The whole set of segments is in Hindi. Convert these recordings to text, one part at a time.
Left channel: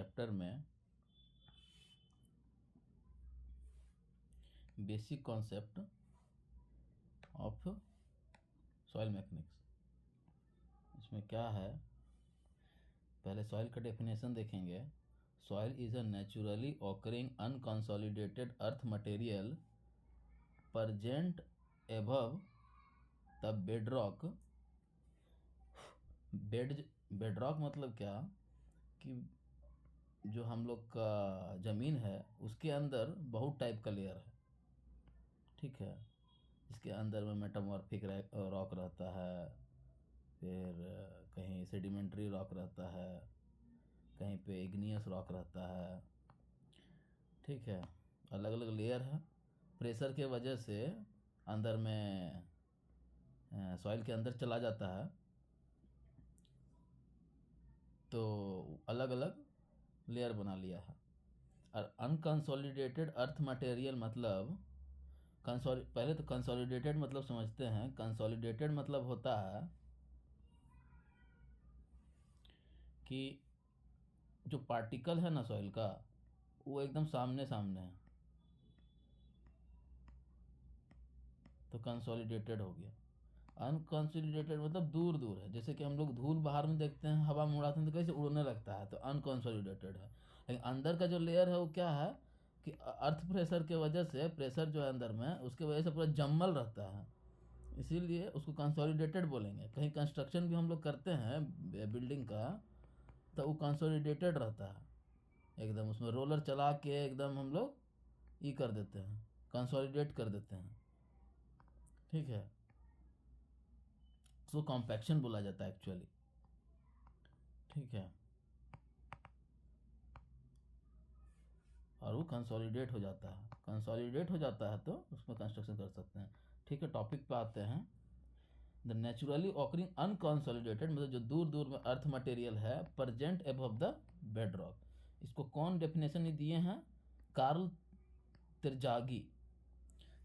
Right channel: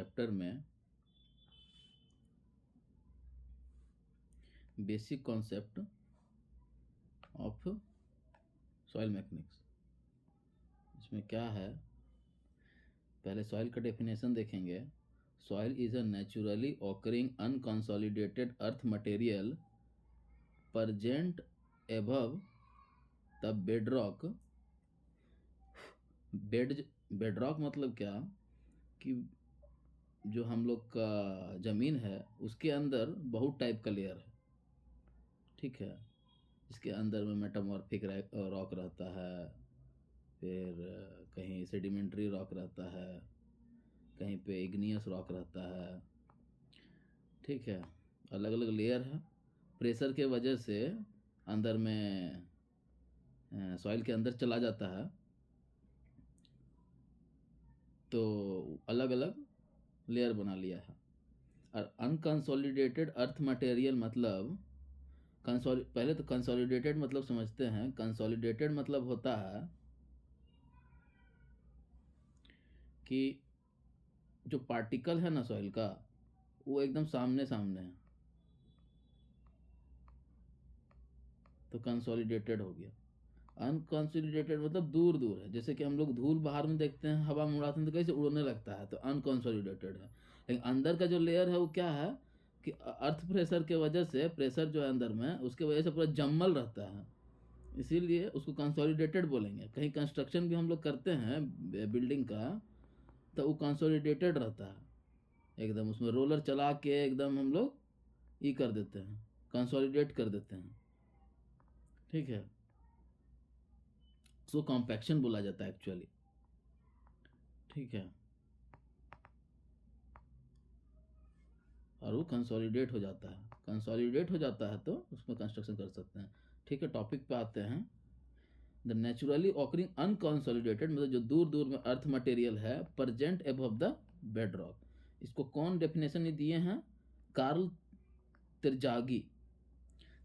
चैप्टर में basic concept of soil mechanics. इसमें क्या है, पहले सॉइल का डेफिनेशन देखेंगे। Soil is a naturally occurring unconsolidated earth material present above the bedrock. Bedrock मतलब क्या कि जो हम लोग का ज़मीन है उसके अंदर बहुत टाइप का लेयर है, ठीक है। इसके अंदर में मेटामॉर्फिक रॉक रहता है, फिर कहीं सेडिमेंट्री रॉक रहता है, कहीं पे इग्नियस रॉक रहता है, ठीक है। अलग अलग लेयर है। प्रेशर के वजह से अंदर में सॉइल के अंदर चला जाता है, तो अलग अलग लेयर बना लिया है। और अनकंसोलिडेटेड अर्थ मटेरियल मतलब पहले तो कंसोलिडेटेड मतलब समझते हैं। कंसोलिडेटेड मतलब होता है कि जो पार्टिकल है ना सॉइल का, वो एकदम सामने सामने है, तो कंसोलिडेटेड हो गया। अनकंसोलिडेटेड मतलब दूर दूर है। जैसे कि हम लोग धूल बाहर में देखते हैं, हवा में उड़ाते हैं तो कैसे उड़ने लगता है, तो अनकंसोलिडेटेड है। लेकिन अंदर का जो लेयर है वो क्या है कि अर्थ प्रेशर के वजह से, प्रेशर जो है अंदर में उसके वजह से पूरा जमल रहता है, इसीलिए उसको कंसोलिडेटेड बोलेंगे। कहीं कंस्ट्रक्शन भी हम लोग करते हैं बिल्डिंग का, तो वो कंसोलिडेटेड रहता है एकदम। उसमें रोलर चला के एकदम हम लोग ये कर देते हैं, कंसोलिडेट कर देते हैं, ठीक है। उसको कॉम्पैक्शन बोला जाता है एक्चुअली, ठीक है। और वो कंसोलिडेट हो जाता है। कंसोलिडेट हो जाता है तो उसमें कंस्ट्रक्शन कर सकते हैं, ठीक है। टॉपिक पे आते हैं। द नेचुरली ऑकरिंग अनकंसोलिडेटेड मतलब जो दूर दूर में अर्थ मटेरियल है, प्रेजेंट एबव द बेडरॉक। इसको कौन डेफिनेशन दिए हैं? कार्ल त्रिजागी।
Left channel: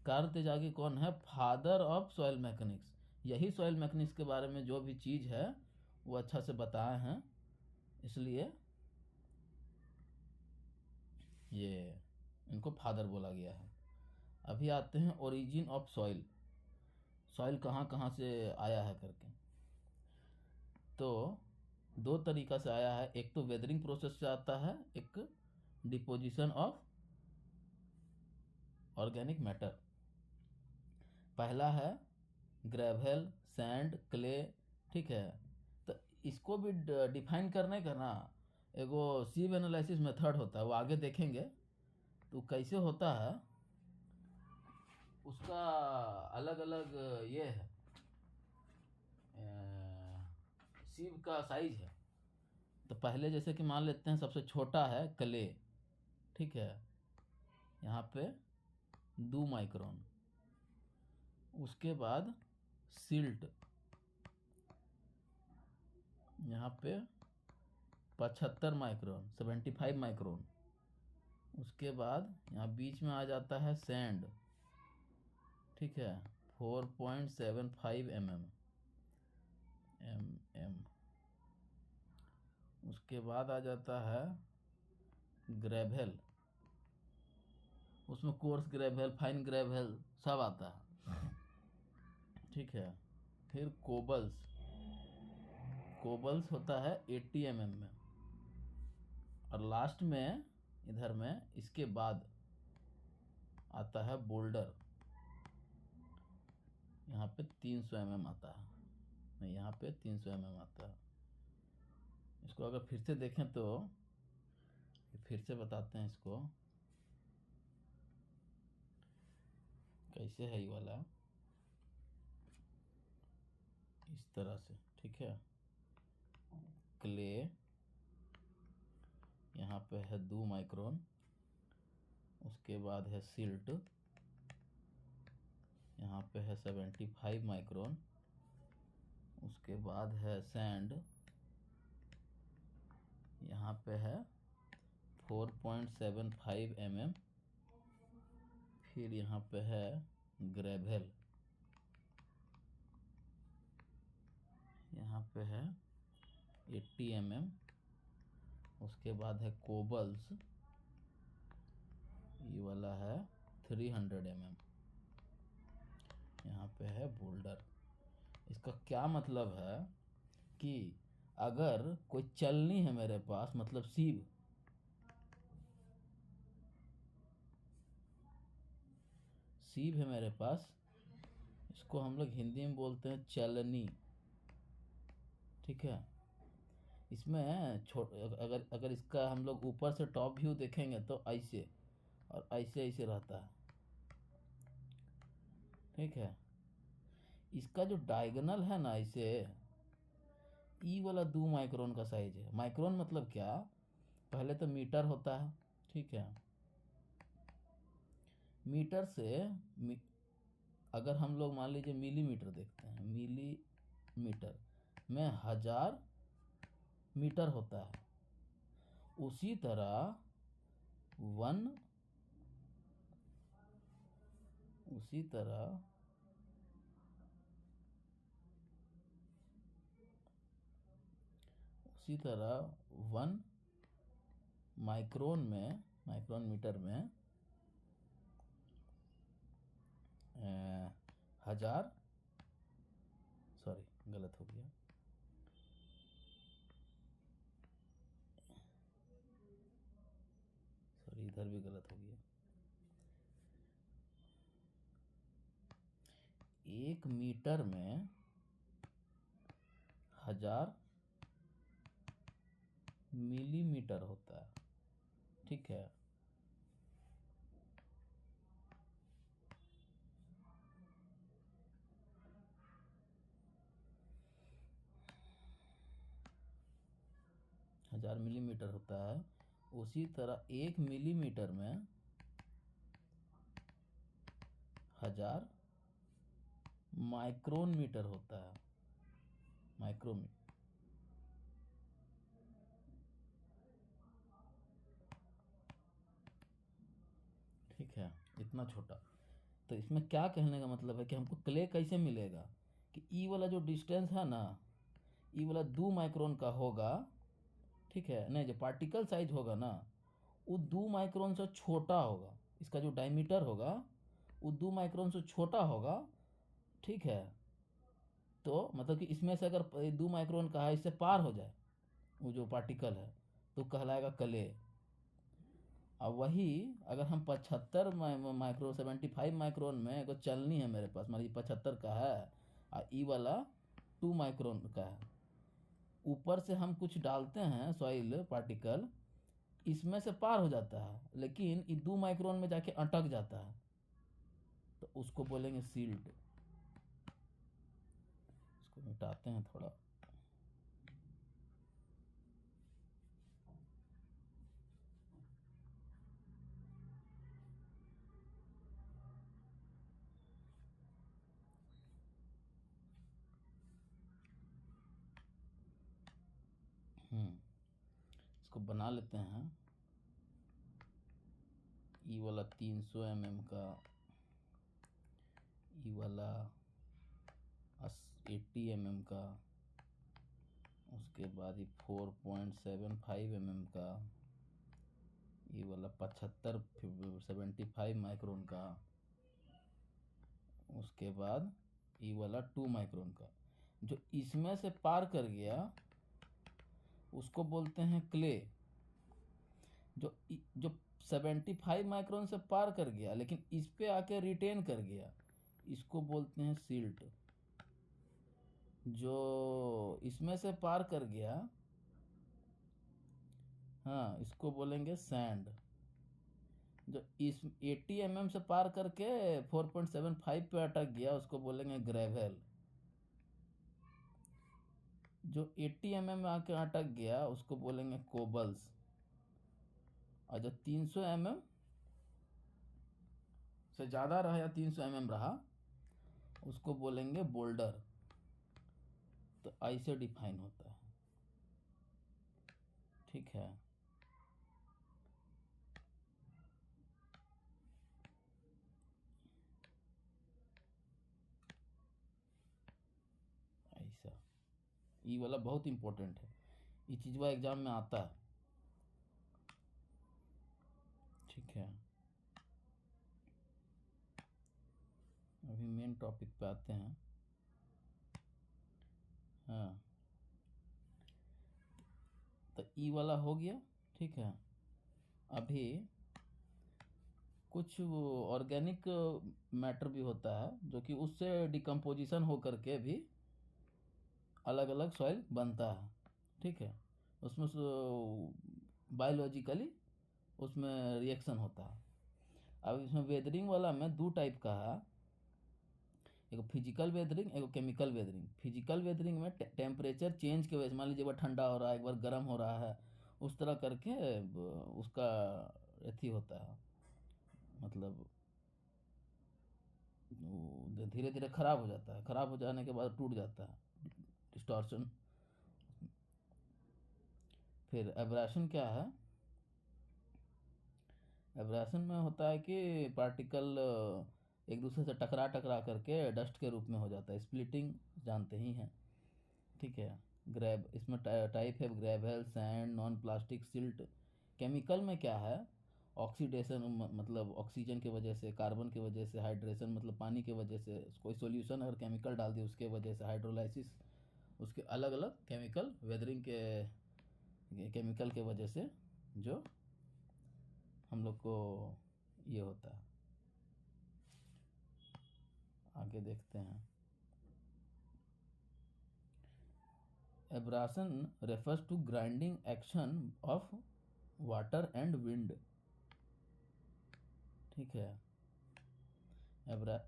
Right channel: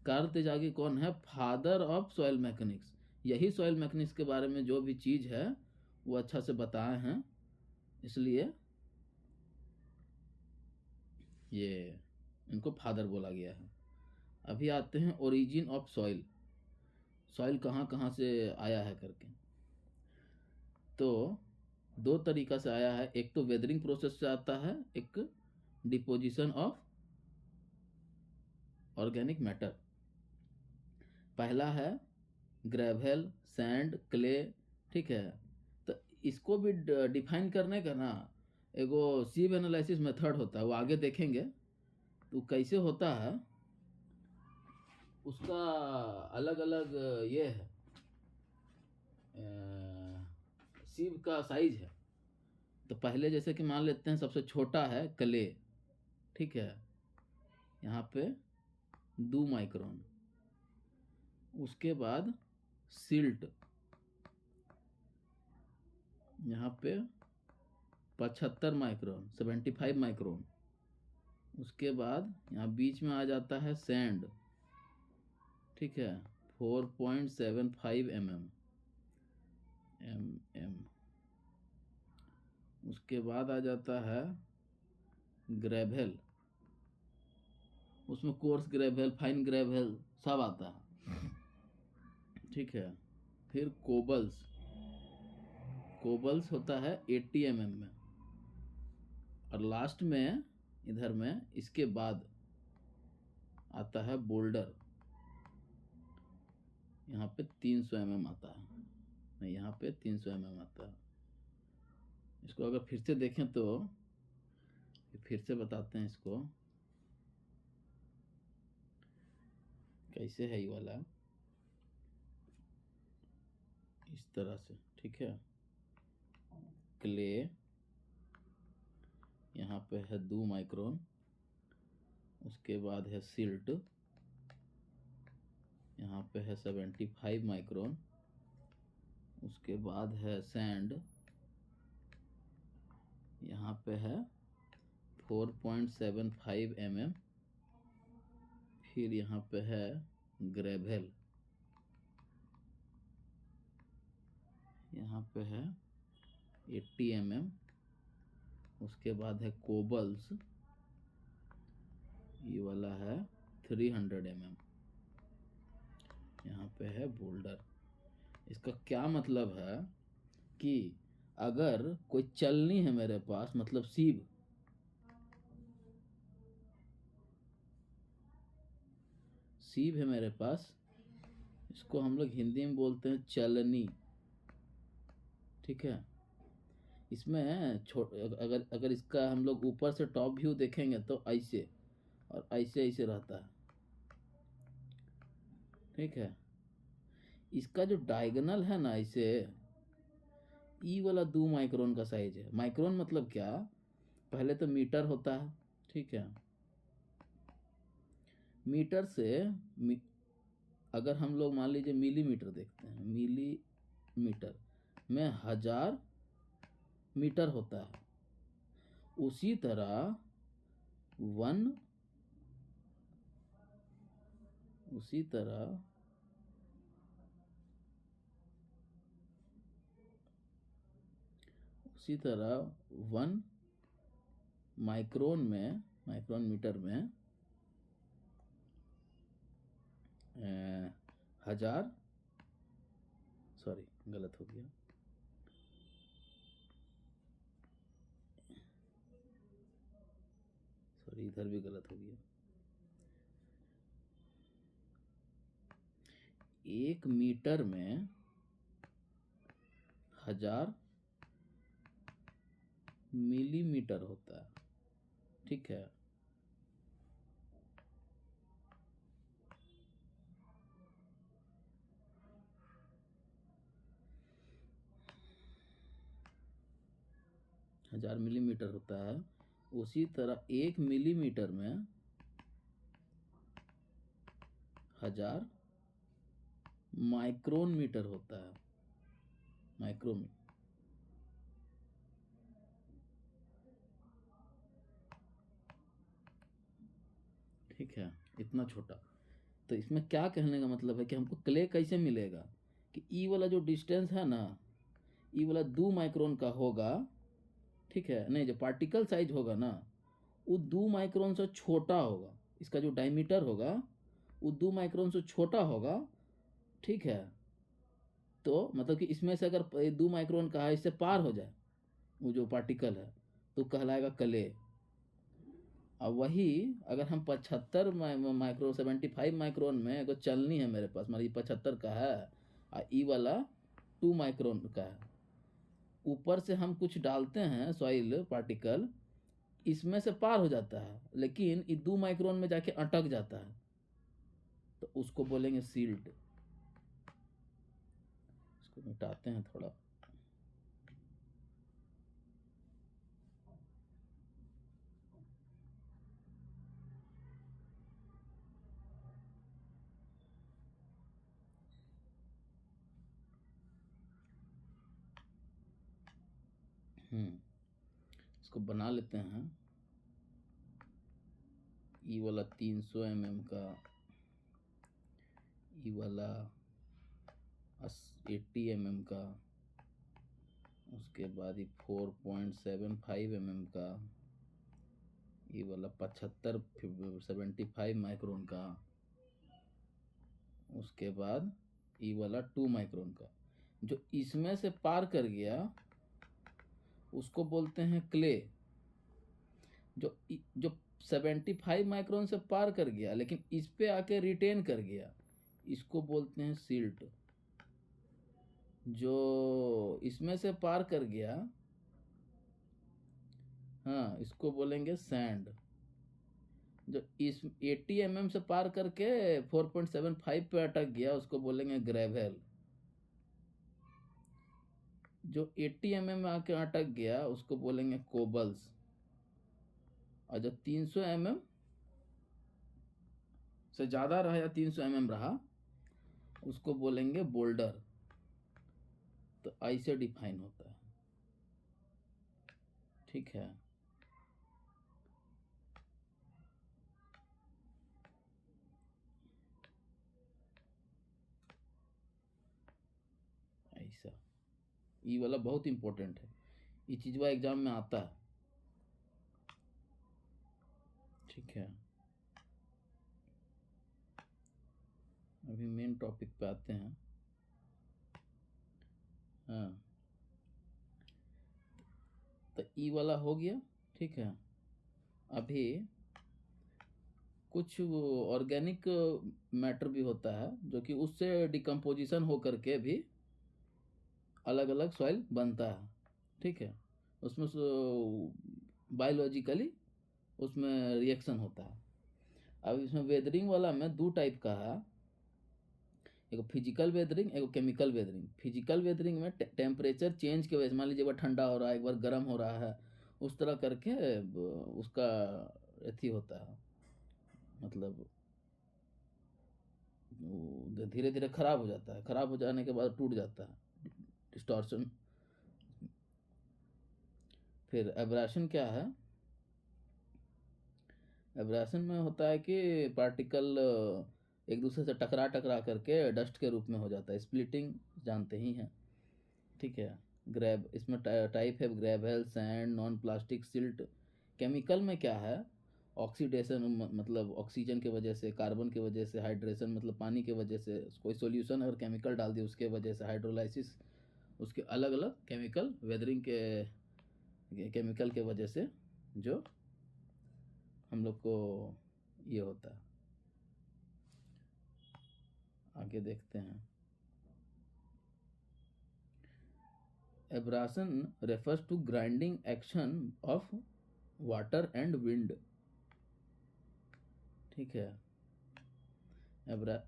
कार्ल त्रिजागी कौन है? Father of soil mechanics. यही सॉइल मैकेनिक्स के बारे में जो भी चीज़ है वो अच्छा से बताए हैं, इसलिए ये इनको फादर बोला गया है। अभी आते हैं ओरिजिन ऑफ सॉइल। सॉइल कहाँ कहाँ से आया है करके। तो दो तरीका से आया है। एक तो वेदरिंग प्रोसेस से आता है, एक डिपोजिशन ऑफ ऑर्गेनिक मैटर। पहला है ग्रेवल, सैंड, क्ले, ठीक है। तो इसको भी डिफाइन करने का ना एगो सीव एनालिसिस मेथड होता है, वो आगे देखेंगे तो कैसे होता है। उसका अलग अलग ये है, सीव का साइज है। तो पहले जैसे कि मान लेते हैं सबसे छोटा है क्ले, ठीक है, यहाँ पे 2 माइक्रोन। उसके बाद सिल्ट, यहाँ पे 75 माइक्रोन, 75 माइक्रोन। उसके बाद यहाँ बीच में आ जाता है सैंड, ठीक है, 4.75 mm। उसके बाद आ जाता है ग्रेवल, उसमें कोर्स ग्रेवल, फाइन ग्रेवल सब आता है, ठीक है। फिर कोबल्स, कोबल्स होता है 80 mm में। और लास्ट में इधर में इसके बाद आता है बोल्डर, यहाँ पे 300 mm आता है, नहीं यहाँ पे 300 mm आता है। इसको अगर फिर से देखें तो फिर से बताते हैं इसको कैसे है। ये वाला इस तरह से, ठीक है। क्ले यहाँ पे है 2 माइक्रोन। उसके बाद है सिल्ट, यहाँ पे है 75 माइक्रोन। उसके बाद है सैंड, यहाँ पे है 4.75 mm। फिर यहाँ पे है ग्रेवल, यहाँ पे है 80 mm। उसके बाद है कोबल्स, ये वाला है 300 mm, यहाँ पे है बोल्डर। इसका क्या मतलब है कि अगर कोई चलनी है मेरे पास, मतलब सीब, सीब है मेरे पास, इसको हम लोग हिंदी में बोलते हैं चलनी, ठीक है। इसमें अगर अगर इसका हम लोग ऊपर से टॉप व्यू देखेंगे तो ऐसे और ऐसे ऐसे रहता है, ठीक है। इसका जो डायगोनल है ना, इसे ई वाला 2 माइक्रोन का साइज है। माइक्रोन मतलब क्या, पहले तो मीटर होता है, ठीक है। मीटर से अगर हम लोग मान लीजिए मिलीमीटर देखते हैं, मिलीमीटर में 1000 मीटर होता है। उसी तरह वन उसी तरह उसी तरह 1 माइक्रोन मीटर में 1000, सॉरी गलत हो गया, सॉरी इधर भी गलत हो गया। 1 मीटर में 1000 मिलीमीटर होता है, ठीक है। हजार मिलीमीटर होता है। उसी तरह 1 मिलीमीटर में 1000 माइक्रोन मीटर होता है, माइक्रोन, ठीक है। इतना छोटा। तो इसमें क्या कहने का मतलब है कि हमको क्ले कैसे मिलेगा, कि ई वाला जो डिस्टेंस है ना, ई वाला 2 माइक्रोन का होगा, ठीक है। नहीं, जो पार्टिकल साइज होगा ना, वो 2 माइक्रोन से छोटा होगा। इसका जो डायमीटर होगा वो 2 माइक्रोन से छोटा होगा, ठीक है। तो मतलब कि इसमें से अगर 2 माइक्रोन का है, इससे पार हो जाए वो जो पार्टिकल है, तो कहलाएगा क्ले। अब वही अगर हम 75 माइक्रोन, 75 माइक्रोन में अगर चलनी है मेरे पास, मतलब 75 का है और ई वाला 2 माइक्रोन का है, ऊपर से हम कुछ डालते हैं सॉइल पार्टिकल, इसमें से पार हो जाता है, लेकिन ये 2 माइक्रोन में जाके अटक जाता है, तो उसको बोलेंगे सील्ड। इसको मिटाते हैं थोड़ा। इसको बना लेते हैं। ई वाला 300 mm का, ई वाला 80 mm का, उसके बाद ये 4.75 mm का, ये वाला 75 माइक्रोन का, उसके बाद ये वाला 2 माइक्रोन का। जो इसमें से पार कर गया उसको बोलते हैं क्ले। जो 75 माइक्रोन से पार कर गया लेकिन इस पे आके रिटेन कर गया, इसको बोलते हैं सिल्ट। जो इसमें से पार कर गया, हाँ, इसको बोलेंगे सैंड। जो इस 80 mm से पार करके 4.75 पे अटक गया उसको बोलेंगे ग्रेवल। जो 80 mm में आके अटक गया उसको बोलेंगे कोबल्स। और जो 300 mm से ज़्यादा रहा या 300 mm रहा उसको बोलेंगे बोल्डर। तो ऐसे डिफाइन होता है, ठीक है। ऐसा, ये वाला बहुत इंपॉर्टेंट है, ये चीज़ एग्जाम में आता है। ठीक है, अभी मेन टॉपिक पे आते हैं। हाँ, तो ई वाला हो गया। ठीक है, अभी कुछ वो ऑर्गेनिक मैटर भी होता है जो कि उससे डिकम्पोजिशन हो करके भी अलग अलग सॉइल बनता है। ठीक है, उसमें बायोलॉजिकली उसमें रिएक्शन होता है। अब इसमें वेदरिंग वाला में दो टाइप का है, एक फिजिकल वेदरिंग, एक केमिकल वेदरिंग। फिजिकल वेदरिंग में टेम्परेचर चेंज के वजह से, मान लीजिए एक बार ठंडा हो रहा है, एक बार गर्म हो रहा है, उस तरह करके उसका अथी होता है, मतलब धीरे धीरे खराब हो जाता है, खराब हो जाने के बाद टूट जाता है, डिस्टॉर्शन। फिर एब्रेशन क्या है? एब्रेशन में होता है कि पार्टिकल एक दूसरे से टकरा टकरा करके डस्ट के रूप में हो जाता है। स्प्लिटिंग जानते ही हैं। ठीक है, ग्रेब, इसमें टाइप है gravel, sand, non plastic, silt. Chemical में क्या है? ऑक्सीडेशन, मतलब ऑक्सीजन के वजह से, कार्बन के वजह से, हाइड्रेशन मतलब पानी के वजह से, कोई सॉल्यूशन अगर केमिकल डाल दिए उसके वजह से, हाइड्रोलाइसिस, उसके अलग अलग केमिकल वेदरिंग के केमिकल के वजह से जो हम लोग को ये होता है। आगे देखते हैं। Abrasion refers to grinding action of water and wind. ठीक है, एब्रा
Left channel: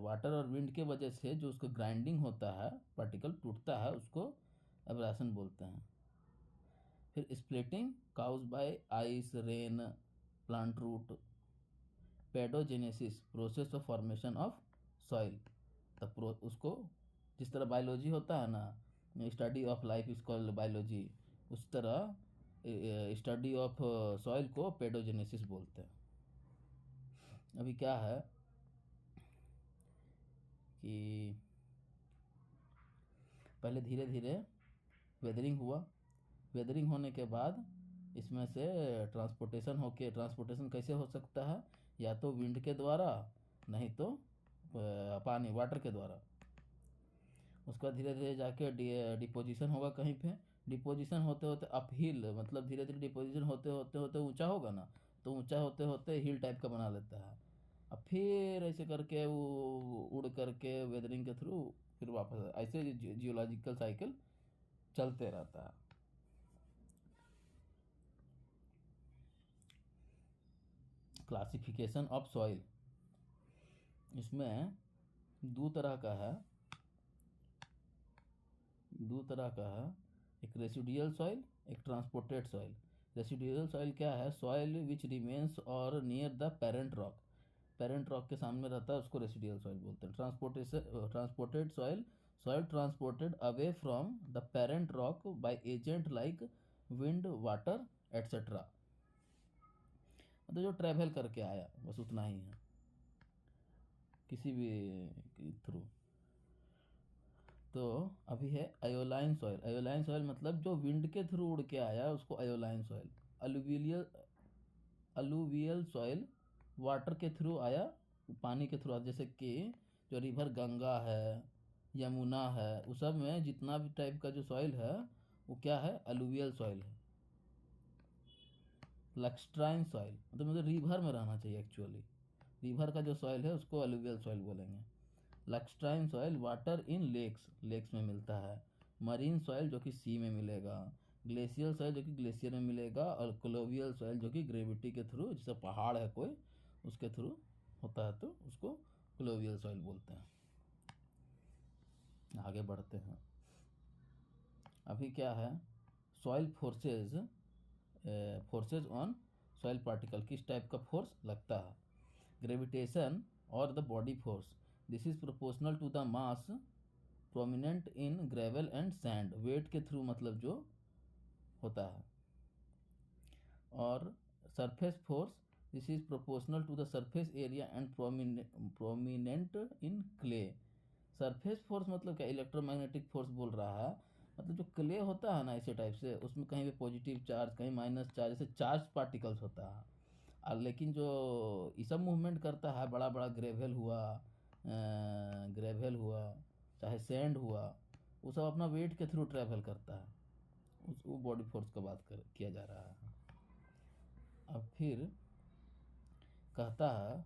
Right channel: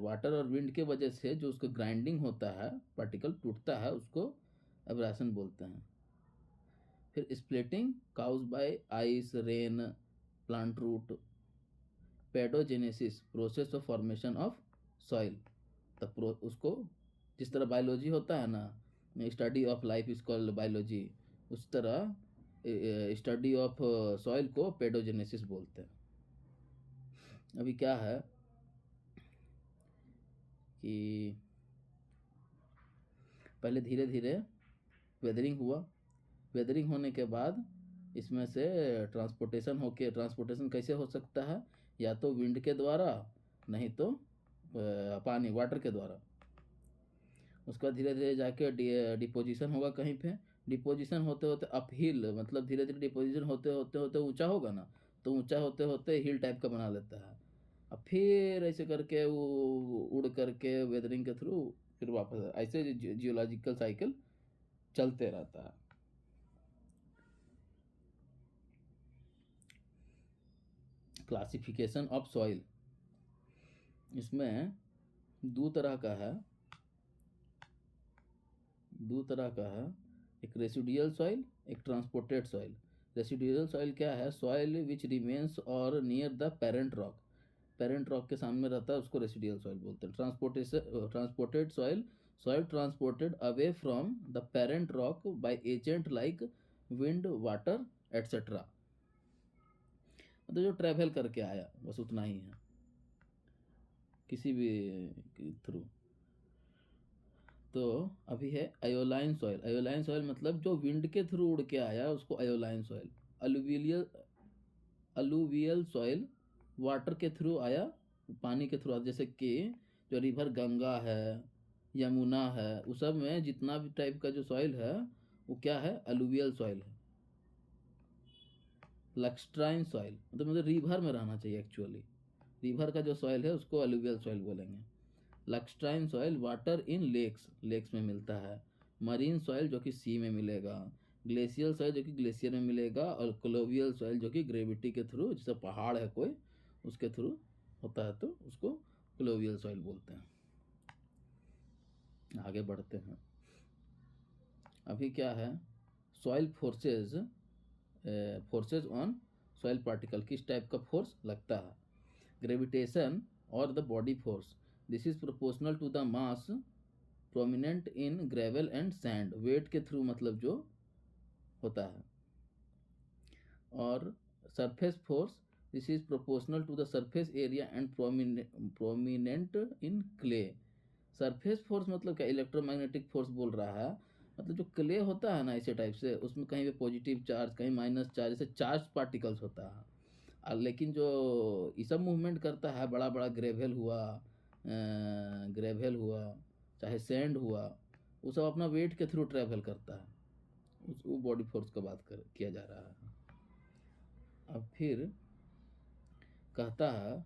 वाटर और विंड के वजह से जो उसका ग्राइंडिंग होता है, पार्टिकल टूटता है, उसको एब्राशन बोलते हैं। फिर splitting caused by ice, rain, plant root. Pedogenesis, process of formation of soil. उसको जिस तरह बायोलॉजी होता है ना, study of life is called biology, उस तरह स्टडी ऑफ सॉइल को पेडोजेनेसिस बोलते हैं। अभी क्या है कि पहले धीरे धीरे वेदरिंग हुआ, वेदरिंग होने के बाद इसमें से ट्रांसपोर्टेशन कैसे हो सकता है? या तो विंड के द्वारा, नहीं तो पानी वाटर के द्वारा। उसका धीरे धीरे जाके डिपोजिशन होगा कहीं पे। डिपोजिशन होते होते अपहिल, मतलब धीरे धीरे डिपोजिशन होते होते होते ऊंचा होगा ना, तो ऊंचा होते होते हिल टाइप का बना लेता है। अब फिर ऐसे करके वो उड़ करके वेदरिंग के थ्रू फिर वापस, ऐसे जियोलॉजिकल साइकिल चलते रहता है। क्लासिफिकेशन ऑफ सॉइल, इसमें दो तरह का है, एक रेसिडुअल सॉइल, एक ट्रांसपोर्टेड सॉइल। रेसिडुअल सॉइल क्या है? सॉइल विच रिमेन्स और near the parent rock, parent rock के सामने रहता है, उसको रेसिडुअल सॉइल बोलते हैं। Transported soil, soil transported away from the parent rock by agent like wind, water etcetera, मतलब जो ट्रैवल करके आया, बस उतना ही है, किसी भी थ्रू। तो अभी है अयोलाइन सॉइल। अयोलाइन सॉइल मतलब जो विंड के थ्रू उड़ के आया उसको अयोलाइन सॉइल। अलुवियल सॉइल वाटर के थ्रू आया, पानी के थ्रू आया, जैसे कि जो रिवर गंगा है, यमुना है, उस सब में जितना भी टाइप का जो सॉइल है वो क्या है? अलुवियल सॉइल है। लक्स्ट्राइन सॉइल मतलब रिवर में रहना चाहिए, एक्चुअली रिवर का जो सॉइल है उसको अलुवियल सॉइल बोलेंगे। Lacustrine soil water in lakes, lakes में मिलता है। मरीन सॉइल जो कि सी में मिलेगा। ग्लेशियल सॉइल जो कि ग्लेशियर में मिलेगा। और क्लोवियल सॉइल जो कि ग्रेविटी के थ्रू, जैसे पहाड़ है कोई उसके थ्रू होता है, तो उसको क्लोवियल सॉइल बोलते हैं। आगे बढ़ते हैं। अभी क्या है? Soil forces, forces on soil particle, किस टाइप का फोर्स लगता है? ग्रेविटेशन और the body force, this is proportional to the mass prominent in gravel and sand, weight के थ्रू मतलब जो होता है। और surface force, this is proportional to the surface area and prominent in clay. Surface force मतलब क्या? इलेक्ट्रोमैग्नेटिक फोर्स बोल रहा है, मतलब जो क्ले होता है ना ऐसे टाइप से, उसमें कहीं पे पॉजिटिव चार्ज कहीं माइनस चार्ज, ऐसे चार्ज पार्टिकल्स होता है। लेकिन जो ये सब मूवमेंट करता है, बड़ा बड़ा ग्रेवल हुआ चाहे सैंड हुआ, वो सब अपना वेट के थ्रू ट्रैवल करता है। वो बॉडी फोर्स का बात कर किया जा रहा है। अब फिर कहता है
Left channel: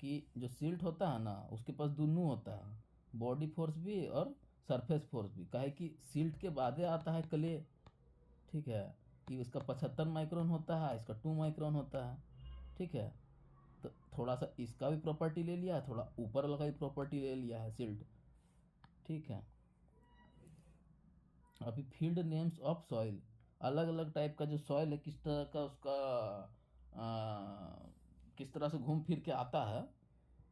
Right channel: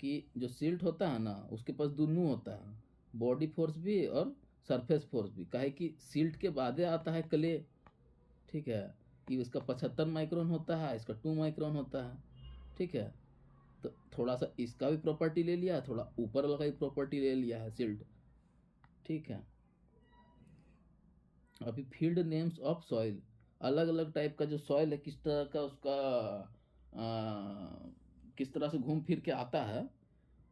कि जो सिल्ट होता है ना उसके पास दोनों होता है, बॉडी फोर्स भी और सरफेस फोर्स भी। काहे कि सिल्ट के बाद आता है क्ले, ठीक है, कि इसका 75 माइक्रोन होता है, इसका 2 माइक्रोन होता है, ठीक है। तो थोड़ा सा इसका भी प्रॉपर्टी ले लिया है, थोड़ा ऊपर वाला का भी प्रॉपर्टी ले लिया है सिल्ट, ठीक है। अभी फील्ड नेम्स ऑफ सॉइल, अलग अलग टाइप का जो सॉइल है किस तरह का उसका किस तरह से घूम फिर के आता है,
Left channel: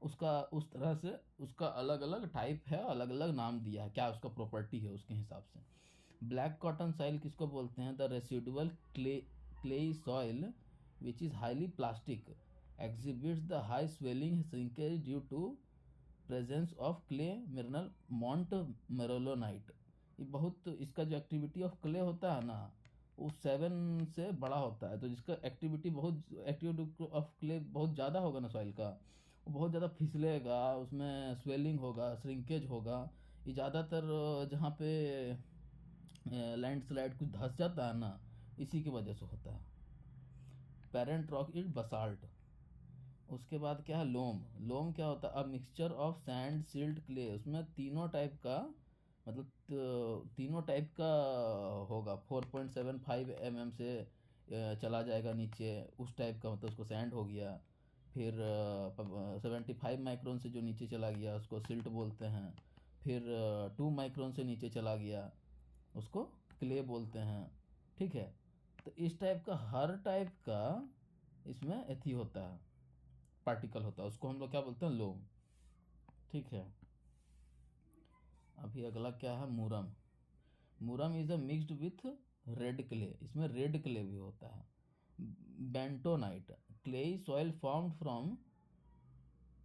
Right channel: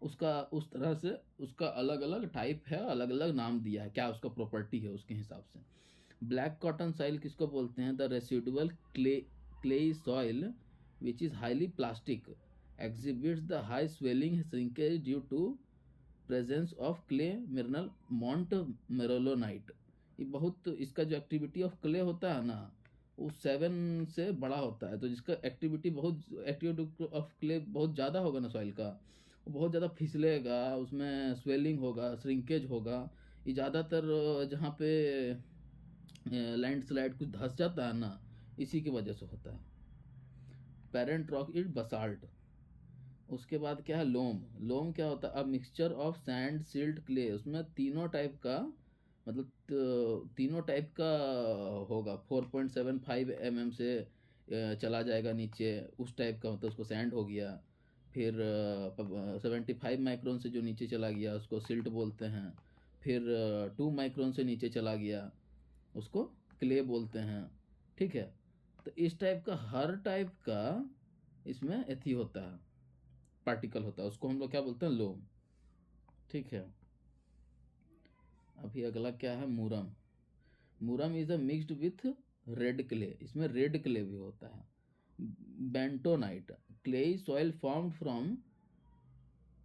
उसका उस तरह से उसका अलग अलग टाइप है, अलग अलग नाम दिया है, क्या उसका प्रॉपर्टी है उसके हिसाब से। ब्लैक कॉटन सॉइल किसको बोलते हैं? The residual clay soil which is highly plastic exhibits the high swelling shrinkage due to presence of clay mineral mont merolonite। ये बहुत, इसका जो एक्टिविटी ऑफ क्ले होता है ना वो 7 से बड़ा होता है, तो जिसका एक्टिविटी ऑफ क्ले बहुत ज़्यादा होगा ना सॉइल का, वो बहुत ज़्यादा फिसलेगा, उसमें स्वेलिंग होगा, श्रिंकेज होगा। ये ज़्यादातर जहाँ पे लैंडस्लाइड कुछ धंस जाता है ना, इसी की वजह से होता है। Parent rock is basalt. उसके बाद क्या है? लोम क्या होता है? A mixture of sand silt clay. उसमें तीनों टाइप का, मतलब तीनों टाइप का होगा। 4.75 mm से चला जाएगा नीचे, उस टाइप का, मतलब उसको सैंड हो गया। फिर 75 माइक्रोन से जो नीचे चला गया उसको सिल्ट बोलते हैं। फिर 2 माइक्रोन से नीचे चला गया उसको क्ले बोलते हैं, ठीक है। तो इस टाइप का हर टाइप का इसमें एथी होता है, पार्टिकल होता है, उसको हम लोग क्या बोलते हैं? लोम, ठीक है। अभी अगला क्या है? Murrum. Murrum is a mixed with red clay, इसमें रेड क्ले भी होता है। Bentonite clay soil formed from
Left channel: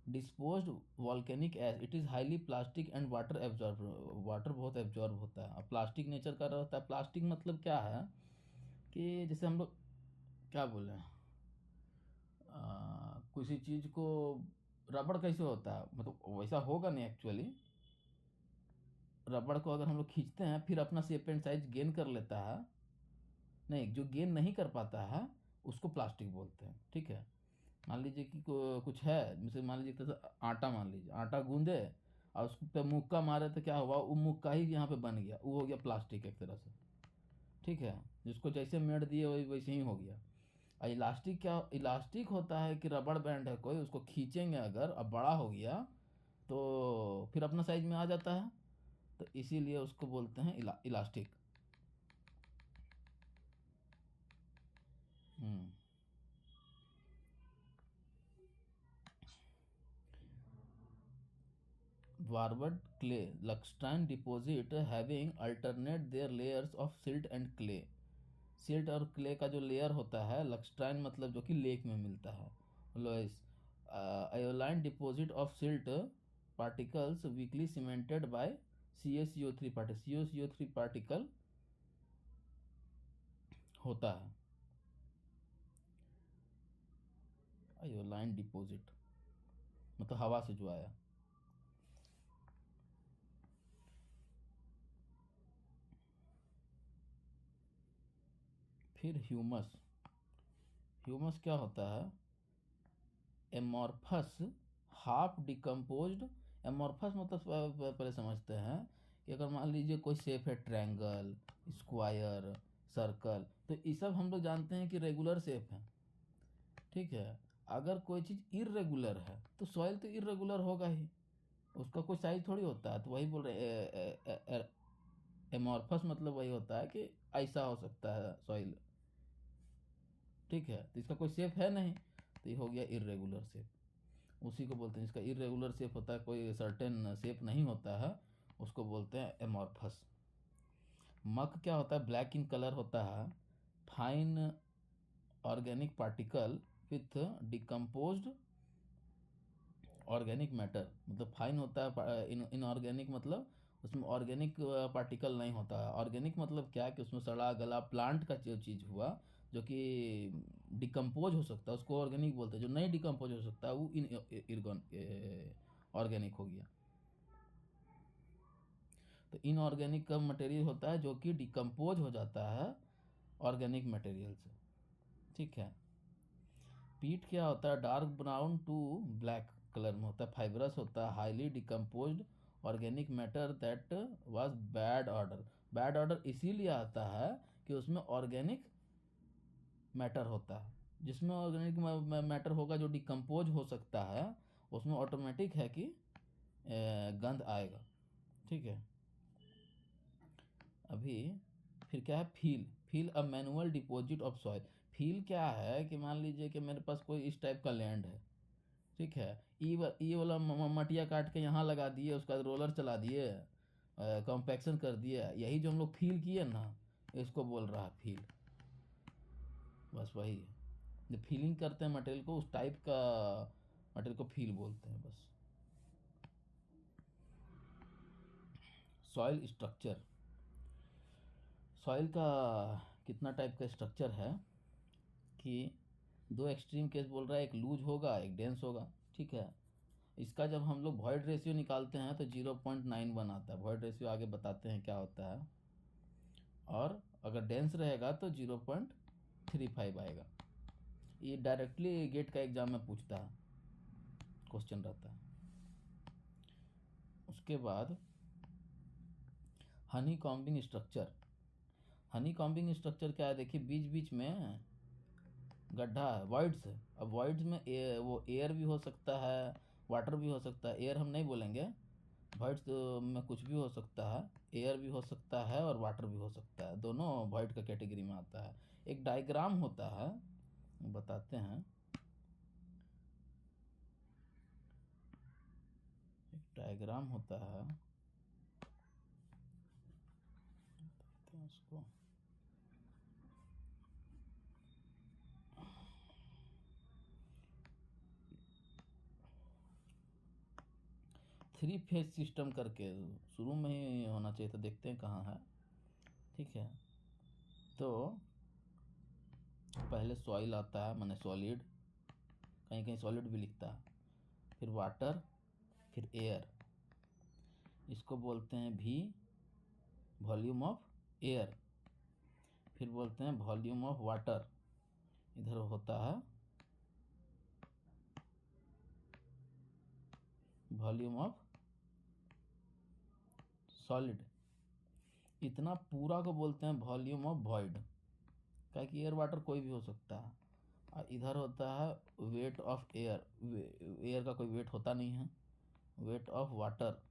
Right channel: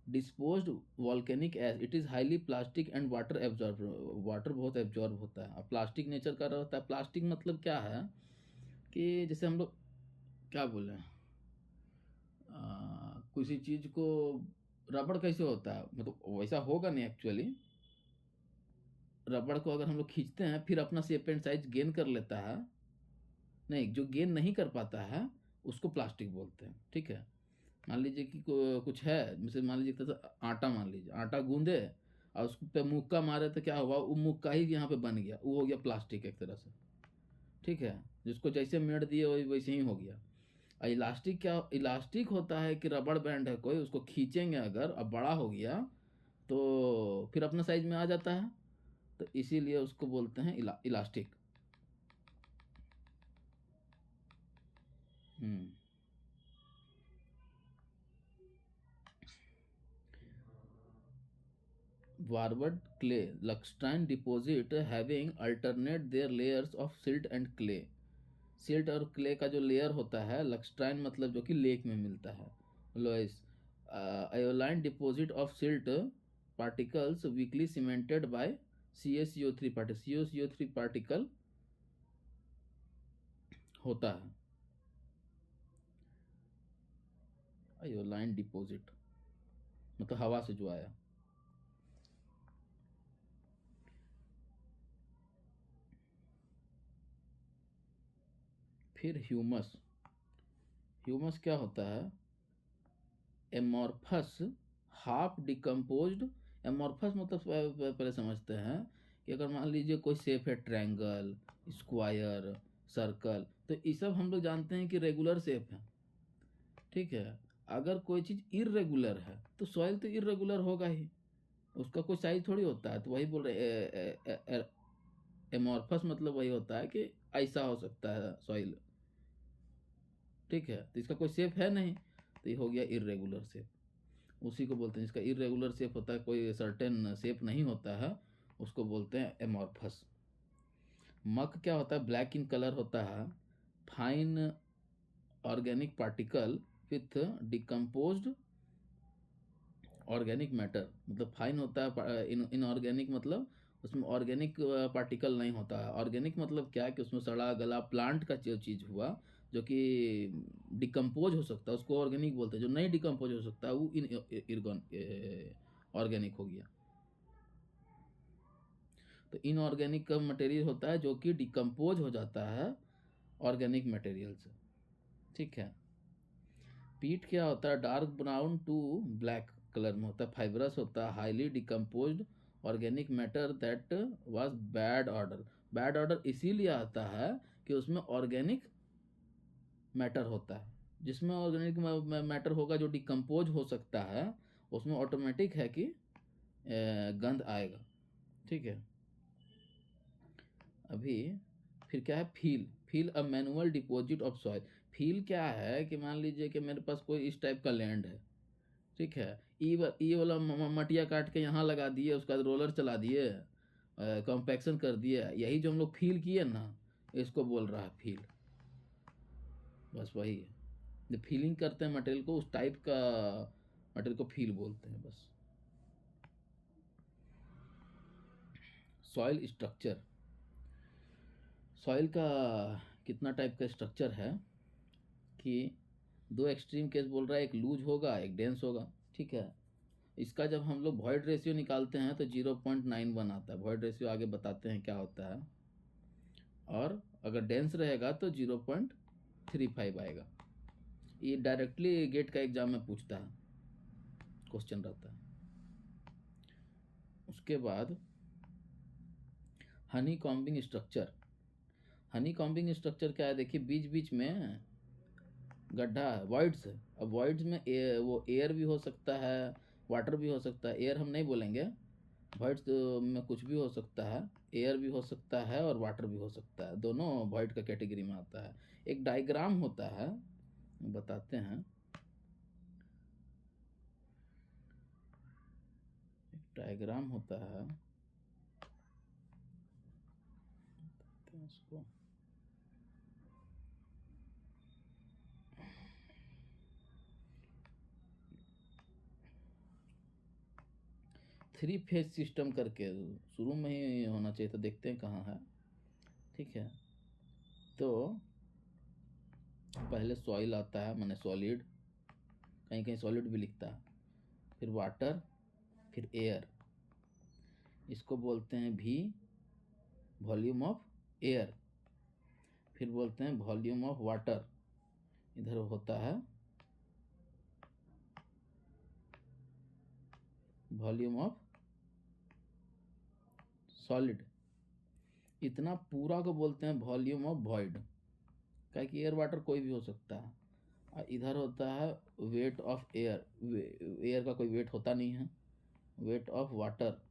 disposed volcanic ash, it is highly plastic and water absorb, water बहुत एब्जॉर्ब होता है। प्लास्टिक नेचर का रहता है। प्लास्टिक मतलब क्या है कि जैसे हम लोग क्या बोले, किसी चीज को रबड़ कैसे होता है, मतलब वैसा होगा नहीं एक्चुअली। रबड़ को अगर हम लोग खींचते हैं फिर अपना शेप एंड साइज गेन कर लेता है, नहीं, जो गेन नहीं कर पाता है उसको प्लास्टिक बोलते हैं, ठीक है। मान लीजिए कि कुछ है, जैसे मान लीजिए तो आटा, मान लीजिए आटा गूंदे और उस पे मुक्का मारे तो क्या हुआ? वो मुक्का ही यहाँ पे बन गया, वो हो गया प्लास्टिक एक तरह से, ठीक है। जिसको जैसे मेड़ दिए वही वैसे ही हो गया। और इलास्टिक क्या? इलास्टिक होता है कि रबड़ बैंड है कोई, उसको खींचेंगे अगर अब बड़ा हो गया तो फिर अपना साइज में आ जाता है, तो इसीलिए उसको बोलते हैं elastic. Hmm. Varved clay lacustrine deposit having alternate their layers of silt and clay. Silt और क्ले का जो लेयर होता है, लक्स्ट्राइन मतलब जो कि लेक में मिलता है, loess aeolian deposit of silt particles weakly cemented by CaCO3 particle, CaCO3 particle होता है। आयोलाइन डिपॉजिट मतलब हवा से जो आया। फिर ह्यूमस। ह्यूमस क्या होता है? Amorphous half decomposed. एमॉर्फस मतलब पहले समझते हैं कि अगर मान लीजिए कोई शेप है, ट्रायंगल, स्क्वायर, सर्कल, तो ये सब हम लोग जानते हैं कि रेगुलर शेप है, ठीक है। अगर कोई चीज़ इरेगुलर है तो सॉइल तो इरेगुलर होगा ही, उसका कोई साइज थोड़ी होता है। तो वही बोल रहे, एमॉर्फस मतलब वही होता है कि ऐसा हो सकता है सॉइल, ठीक है। तो इसका कोई शेप है नहीं, तो ये हो गया इरेगुलर शेप। उसी को बोलते हैं, जिसका इरेगुलर शेप होता है, कोई सर्टेन शेप नहीं होता है, उसको बोलते हैं एमॉर्फस। मक क्या होता है? ब्लैक इन कलर होता है। Fine organic particle with decomposed organic matter, मतलब फाइन होता है, इनऑर्गेनिक मतलब उसमें ऑर्गेनिक पार्टिकल नहीं होता है। ऑर्गेनिक मतलब क्या कि उसमें सड़ा गला प्लांट का जो चीज़ हुआ जो कि डिकम्पोज हो सकता है उसको ऑर्गेनिक बोलते हैं। जो नहीं डिकम्पोज हो सकता है वो इन ऑर्गेनिक हो गया। तो इनऑर्गेनिक का मटेरियल होता है जो कि डिकम्पोज हो जाता है ऑर्गेनिक मटेरियल से। ठीक है। पीट क्या होता है? Dark brown to black colour में होता है, फाइबरस होता है, highly decomposed organic matter that was bad odour. Bad odour इसीलिए आता है कि उसमें ऑर्गेनिक मैटर होता है। जिसमें ऑर्गेनिक मैटर होगा जो डिकम्पोज हो सकता है उसमें ऑटोमेटिक है कि गंध आएगा। ठीक है। अभी फिर क्या है? Feel. Feel a manual deposit of soil. Feel क्या है कि मान लीजिए कि मेरे पास कोई इस टाइप का लैंड है। ठीक है। ई वाला मटिया काट के यहाँ लगा दिए, उसका रोलर चला दिए, कॉम्पैक्शन कर दिए, यही जो हम लोग फील किए ना इसको बोल रहा है फील। बस वही है, जब फीलिंग करते हैं मटेरियल को उस टाइप का मटेरियल को फील बोलते हैं बस। Soil structure. सॉइल का कितना टाइप का स्ट्रक्चर है कि दो एक्सट्रीम केस बोल रहा है, एक लूज होगा एक डेंस होगा। ठीक है। इसका जब हम लोग वॉइड रेशियो निकालते हैं तो 0.91 आता है। वॉइड रेशियो आगे बताते हैं क्या होता है। और अगर डेंस रहेगा तो 0.35 आएगा। ये डायरेक्टली गेट का एग्जाम में पूछता है, क्वेश्चन रहता है। उसके बाद Honey combing structure. Honey combing structure क्या है? देखिए बीच बीच में गड्ढा है, वॉइड्स है। अब वॉइड्स में वो एयर भी हो सकता है, वाटर भी हो सकता है। एयर हम नहीं बोलेंगे, वॉइड्स में कुछ भी हो सकता है। एयर भी हो सकता है और वाटर भी हो सकता है, दोनों वॉइड का कैटेगरी में आता है। एक डायग्राम होता है, बताते हैं। एक डायग्राम होता है, बताते हैं उसको। थ्री फेज सिस्टम करके शुरू में ही होना चाहिए था, देखते हैं कहाँ है। ठीक है। तो पहले सॉइल आता है, माने सॉलिड, कहीं कहीं सॉलिड भी लिखता है, फिर वाटर, फिर एयर। इसको बोलते हैं भी वॉल्यूम ऑफ एयर। फिर बोलते हैं वॉल्यूम ऑफ वाटर। इधर होता है वॉल्यूम ऑफ सॉलिड। इतना पूरा को बोलते हैं वॉल्यूम ऑफ वॉइड। क्या कि एयर वाटर कोई भी हो सकता है। और इधर होता है वेट ऑफ एयर। एयर का कोई वेट होता नहीं है। वेट ऑफ वाटर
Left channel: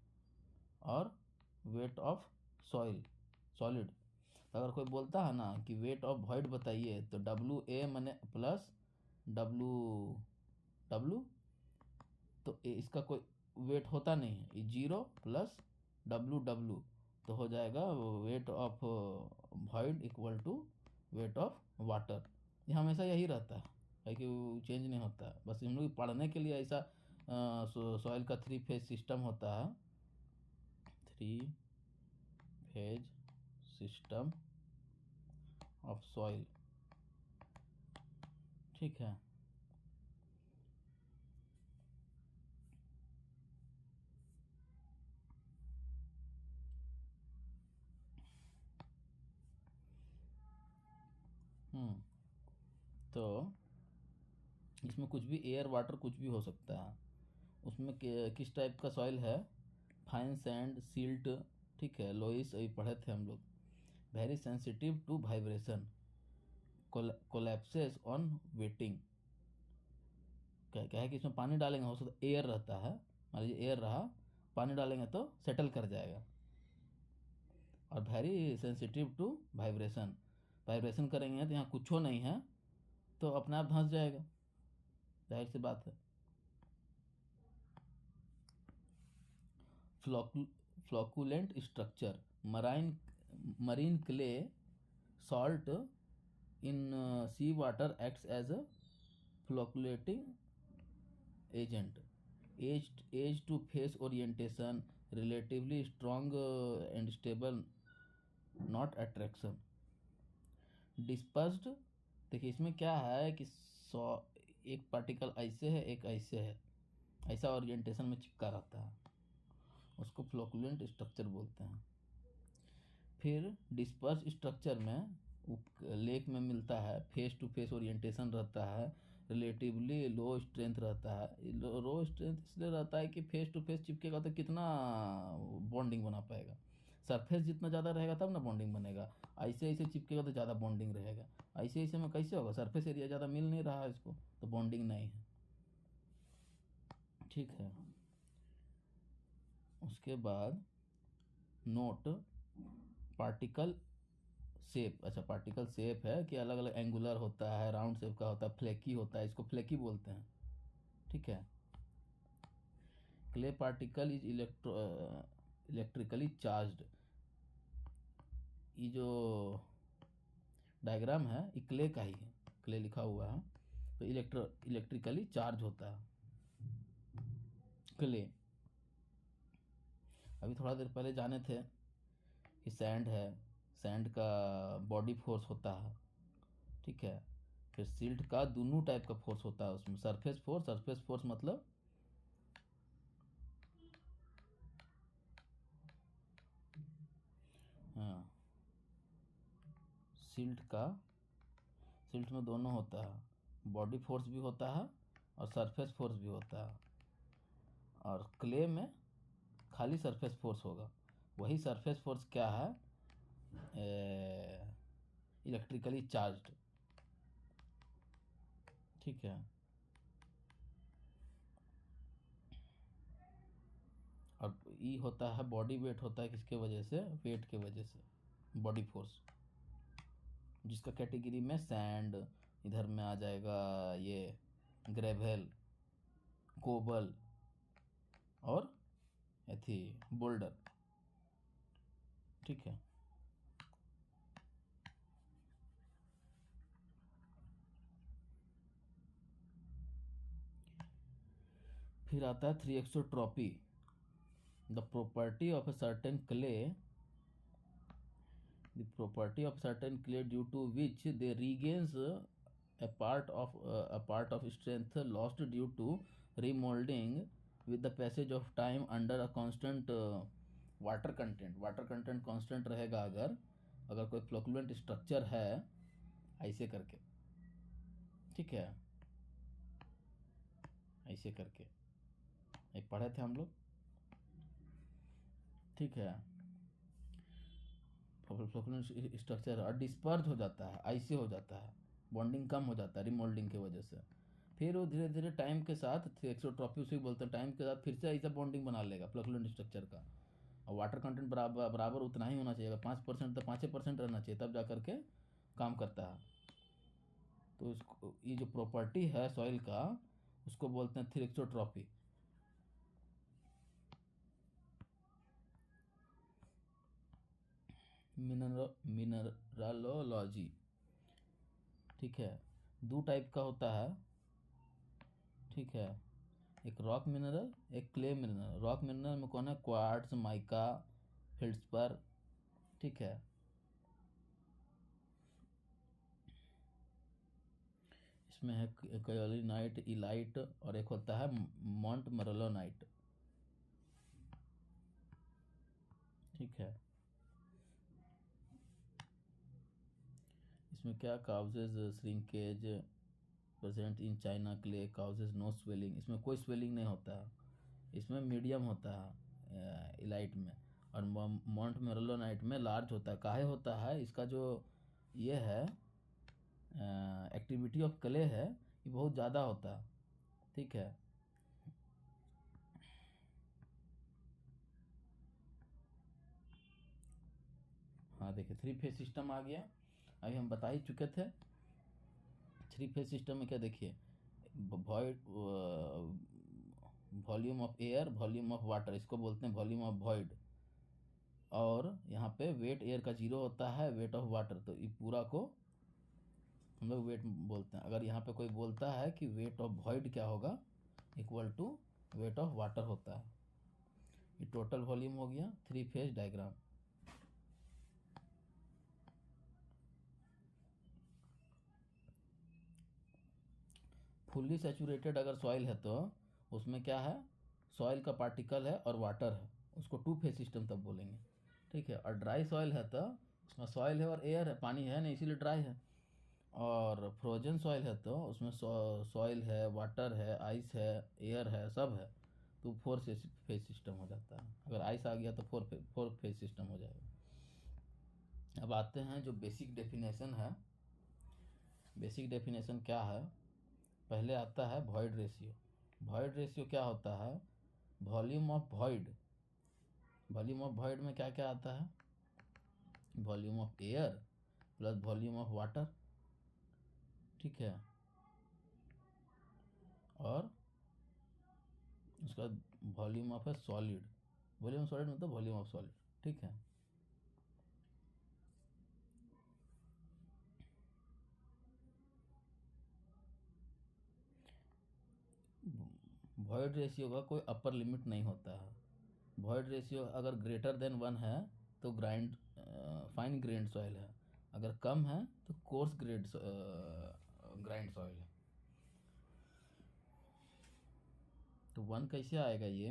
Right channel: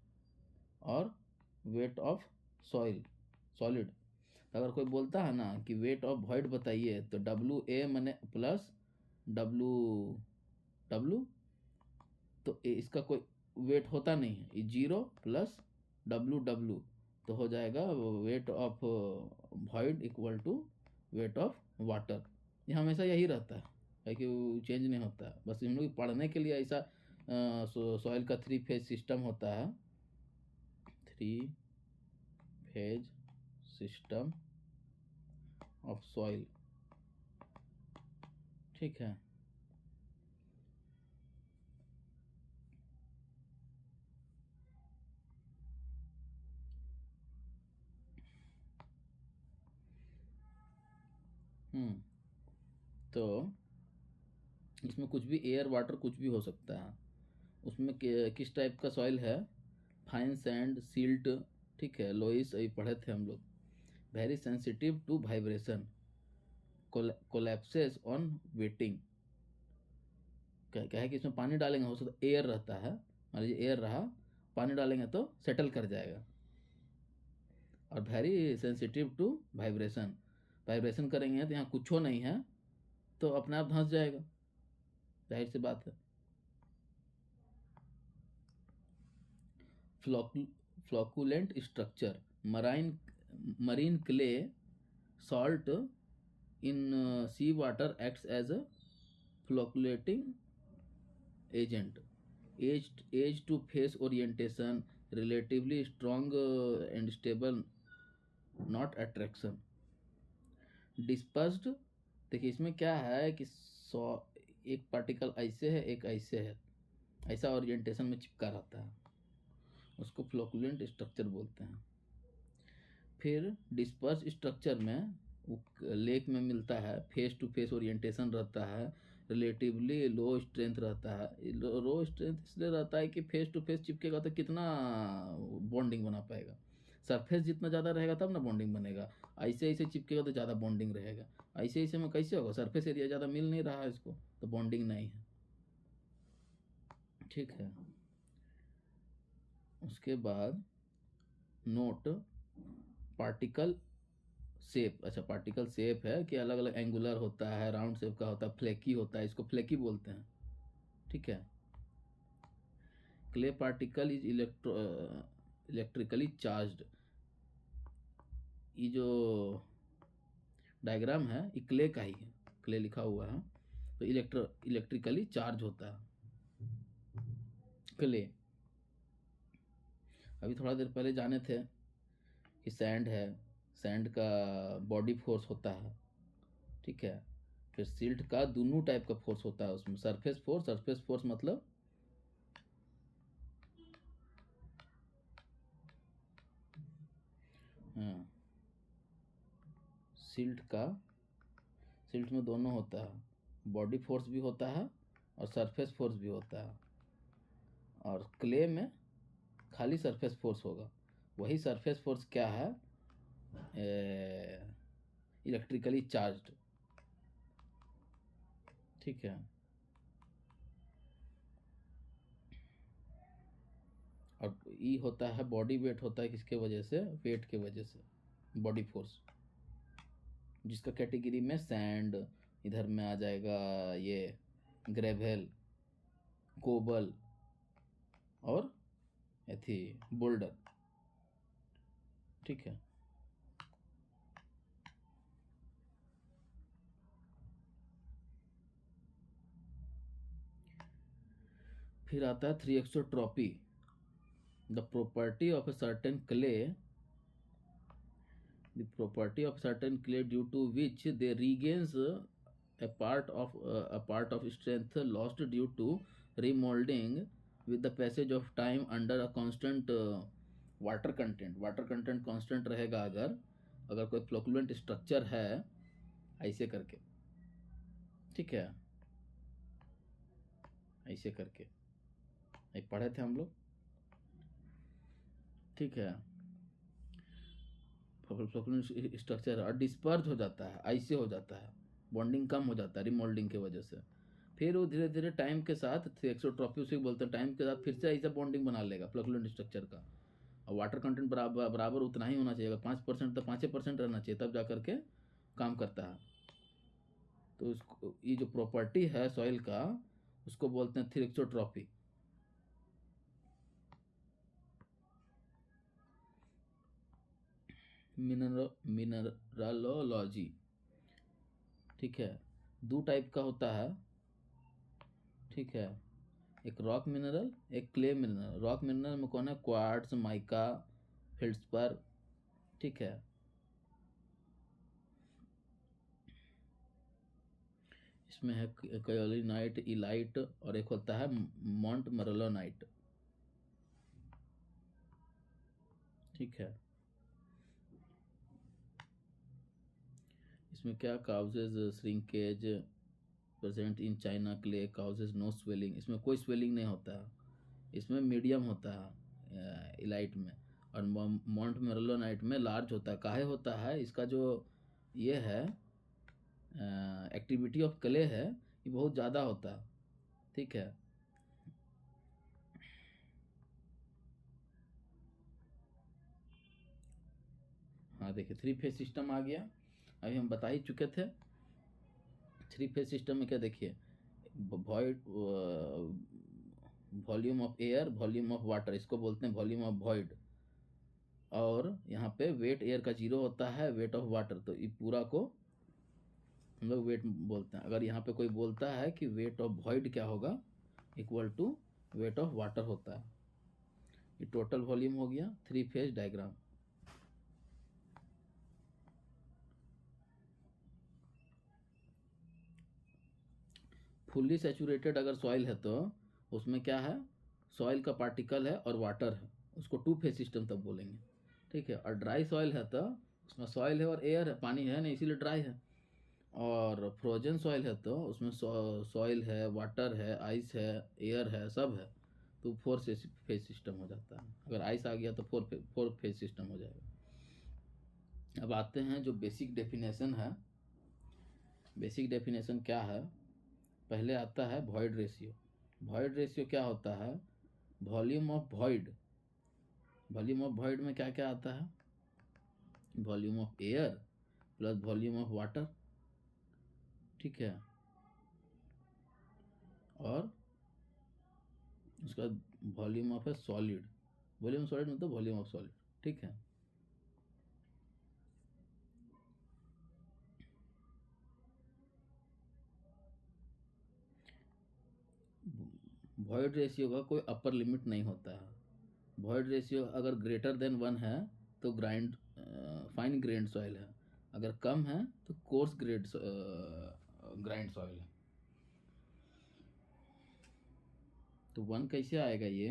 और वेट ऑफ सॉइल, सॉलिड। अगर कोई बोलता है ना कि वेट ऑफ वॉइड बताइए तो WA मने प्लस डब्लू डब्लू, तो इसका कोई वेट होता नहीं है। ये 0 प्लस डब्लू तो हो जाएगा weight of void equal to weight of water. ये हमेशा यही रहता है कि वो चेंज नहीं होता है। बस हम लोग पढ़ने के लिए ऐसा सॉइल का थ्री फेज सिस्टम होता है। Three phase system of soil. ठीक है। तो इसमें कुछ भी एयर वाटर कुछ भी हो सकता है। उसमें किस टाइप का सॉइल है? Fine sand, silt. ठीक है। लोइस अभी पढ़े थे हम लोग। Very sensitive to vibration, collapses on wetting. क्या है कि इसमें पानी डालेंगे हो सकता एयर रहता है, मान लीजिए एयर रहा, पानी डालेंगे तो सेटल कर जाएगा। और very sensitive to vibration, vibration करेंगे तो यहाँ कुछ नहीं है तो अपने आप धंस जाएगा, जाहिर सी बात है। Flocculent structure. Marine clay salt in sea water acts as a flocculating agent. Edge to face orientation, relatively strong and stable, not attraction. Dispersed, देखिए इसमें क्या है कि एक पार्टिकल ऐसे है, एक ऐसे है, ऐसा ओरिएंटेशन में चिपका रहता है, उसको फ्लोकुलेंट स्ट्रक्चर बोलते हैं। फिर डिस्पर्स स्ट्रक्चर में लेक में मिलता है, फेस टू फेस ओरिएंटेशन रहता है, रिलेटिवली लो स्ट्रेंथ रहता है। लो स्ट्रेंथ इसलिए रहता है कि फेस टू फेस चिपकेगा तो कितना बॉन्डिंग बना पाएगा, सरफेस जितना ज़्यादा रहेगा तब ना बॉन्डिंग बनेगा, ऐसे ऐसे चिपकेगा तो ज़्यादा बॉन्डिंग रहेगा, ऐसे ऐसे में कैसे होगा, सरफेस एरिया ज़्यादा मिल नहीं रहा है इसको, तो बॉन्डिंग नहीं है। ठीक है, उसके बाद नोट पार्टिकल शेप। अच्छा, पार्टिकल शेप है कि अलग अलग एंगुलर होता है, राउंड शेप का होता है, फ्लेकी होता है, इसको फ्लेकी बोलते हैं। ठीक है, clay particle is electrically charged. ये जो डायग्राम है ये क्ले का ही है, क्ले लिखा हुआ है, तो इलेक्ट्रिकली चार्ज होता है क्ले। अभी थोड़ा देर पहले जाने थे कि सैंड है, सैंड का बॉडी फोर्स होता है। ठीक है, फिर सिल्ट का दोनों टाइप का फोर्स होता है उसमें, सरफेस फोर्स मतलब हाँ, सिल्ट में दोनों होता है, बॉडी फोर्स भी होता है और सरफेस फोर्स भी होता है, और क्ले में खाली सरफेस फोर्स होगा। वही सरफेस फोर्स क्या है, इलेक्ट्रिकली चार्ज्ड। ठीक है, और ई होता है बॉडी वेट, होता है किसके वजह से, वेट के वजह से, बॉडी फोर्स, जिसका कैटेगरी में सैंड, इधर में आ जाएगा ये ग्रेवल, कोबल और एथी बोल्डर। ठीक है, फिर आता है thixotropy. The property of a certain clay, the property of certain clay due to which they regains a part of strength lost due to remolding with the passage of time under a constant water content constant रहेगा, अगर अगर कोई फ्लोकुलेंट स्ट्रक्चर है ऐसे करके। ठीक है, ऐसे करके एक पढ़े थे हम लोग। ठीक है, फ्लोकुलेंट स्ट्रक्चर और डिस्पर्ज हो जाता है, ऐसे हो जाता है, बॉन्डिंग कम हो जाता है रिमोल्डिंग की वजह से। फिर वो धीरे धीरे टाइम के साथ, एक्सोट्रॉपी उसे बोलते हैं, टाइम के साथ फिर से ऐसा बॉन्डिंग बना लेगा फ्लोकुलेंट स्ट्रक्चर का, और वाटर कंटेंट बराबर बराबर उतना ही होना चाहिए, 5% तो 5% रहना चाहिए, तब जा करके काम करता है। तो इसको, ये जो प्रॉपर्टी है सॉइल का, उसको बोलते हैं थ्रिक्सोट्रॉपी। मिनरलोलॉजी। ठीक है, दो टाइप का होता है। ठीक है, एक रॉक मिनरल, एक क्ले मिनरल। रॉक मिनरल में कौन है, क्वार्ट्ज, माइका, फेल्ड्सपर। ठीक है, इसमें है कायोलिनाइट, इलाइट, और एक होता है मॉन्ट मरलोनाइट। ठीक है, इसमें क्या causes shrinkage present in china clay, causes no swelling, इसमें कोई स्वेलिंग नहीं होता है, इसमें मीडियम होता है इलाइट में, और मॉन्ट मेरोलोनाइट में लार्ज होता है। काहे होता है, इसका जो ये है एक्टिविटी ऑफ क्ले है, ये बहुत ज़्यादा होता है। ठीक है, हाँ देखिए थ्री फेज सिस्टम आ गया, अभी हम बता ही चुके थे। थ्री फेज सिस्टम में क्या, देखिए void, volume of air, volume of water, इसको बोलते हैं वॉल्यूम ऑफ वॉइड, और यहाँ पे वेट एयर का 0 होता है, वेट ऑफ वाटर, तो ये पूरा को हम लोग वेट बोलते हैं। अगर यहाँ पे कोई बोलता है कि वेट ऑफ वॉइड क्या होगा, equal to weight of water होता है। ये टोटल वॉल्यूम हो गया 3 फेज डायग्राम। फुल्ली सैचुरेटेड अगर सॉइल है तो उसमें क्या है, सॉइल का पार्टिकल है और वाटर है, उसको 2 फेज सिस्टम तब बोलेंगे, ठीक है। और ड्राई सॉइल है तो उसमें सॉइल है और एयर है, पानी है नहीं इसीलिए ड्राई है। और फ्रोजन सॉइल है तो उसमें सॉइल है, वाटर है, आइस है, एयर है, सब है, तो 4 फेज सिस्टम हो जाता है। अगर आइस आ गया तो 4 फेज सिस्टम हो जाएगा। अब आते हैं जो बेसिक डेफिनेशन है। बेसिक डेफिनेशन क्या है, पहले आता है वॉइड रेशियो। वॉइड रेशियो क्या होता है, volume of void. Volume of void में क्या क्या आता है, volume of air plus volume of water, ठीक है, और उसका volume of A solid. Volume of solid मतलब वॉल्यूम ऑफ सॉलिड, ठीक है। वॉइड रेशियो का कोई अपर लिमिट नहीं होता है। वॉइड रेशियो अगर ग्रेटर देन 1 है तो फाइन ग्रेन्ड सॉइल है, अगर कम है तो कोर्स ग्राइंड सॉइल है। तो 1 कैसे आएगा, ये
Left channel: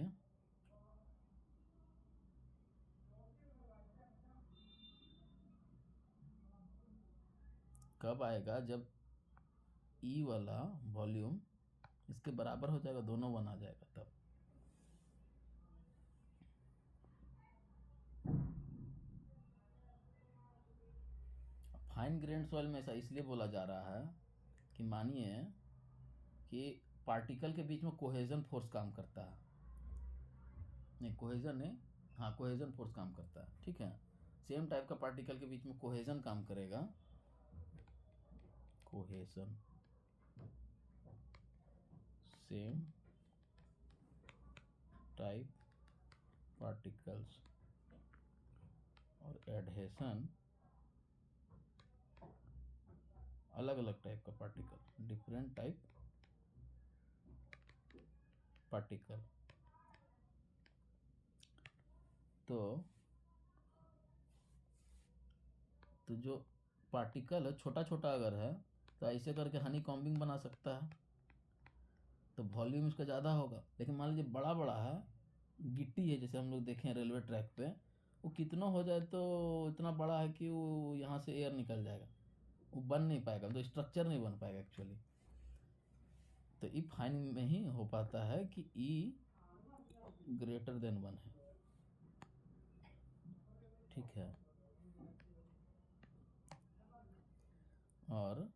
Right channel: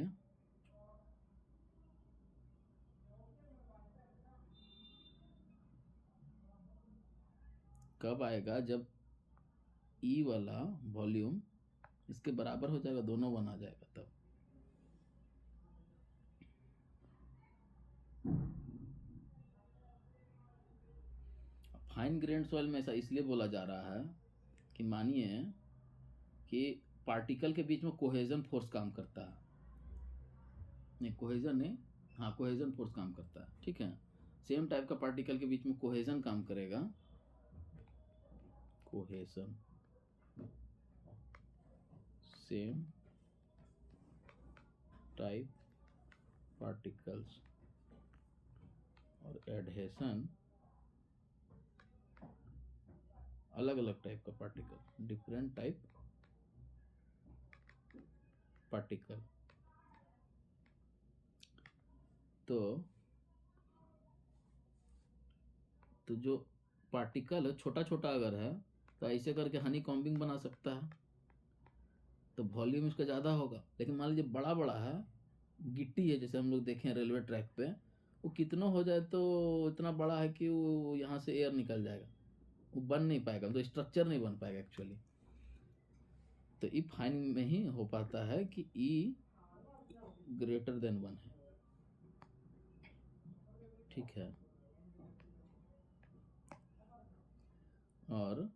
कब आएगा, जब ई वाला वॉल्यूम इसके बराबर हो जाएगा, दोनों 1 आ जाएगा तब। फाइन ग्रेन्ड सॉइल में ऐसा इसलिए बोला जा रहा है कि मानिए कि पार्टिकल के बीच में कोहेजन फोर्स काम करता है, नहीं कोहेजन नहीं, हाँ कोहेजन फोर्स काम करता है, ठीक है। सेम टाइप का पार्टिकल के बीच में कोहेजन काम करेगा, कोहेजन, सेम टाइप पार्टिकल्स, और एडहेशन अलग अलग टाइप का पार्टिकल, डिफरेंट टाइप पार्टिकल। तो जो पार्टिकल है छोटा छोटा अगर है तो ऐसे करके हनी कॉम्बिंग बना सकता है, तो वॉल्यूम इसका ज़्यादा होगा। लेकिन मान लीजिए बड़ा बड़ा है, गिट्टी है, जैसे हम लोग देखें रेलवे ट्रैक पे, वो कितना हो जाए तो इतना बड़ा है कि वो यहाँ से एयर निकल जाएगा, वो बन नहीं पाएगा, तो स्ट्रक्चर नहीं बन पाएगा एक्चुअली। तो ई फाइन में ही हो पाता है कि ई ग्रेटर देन 1 है, ठीक है, और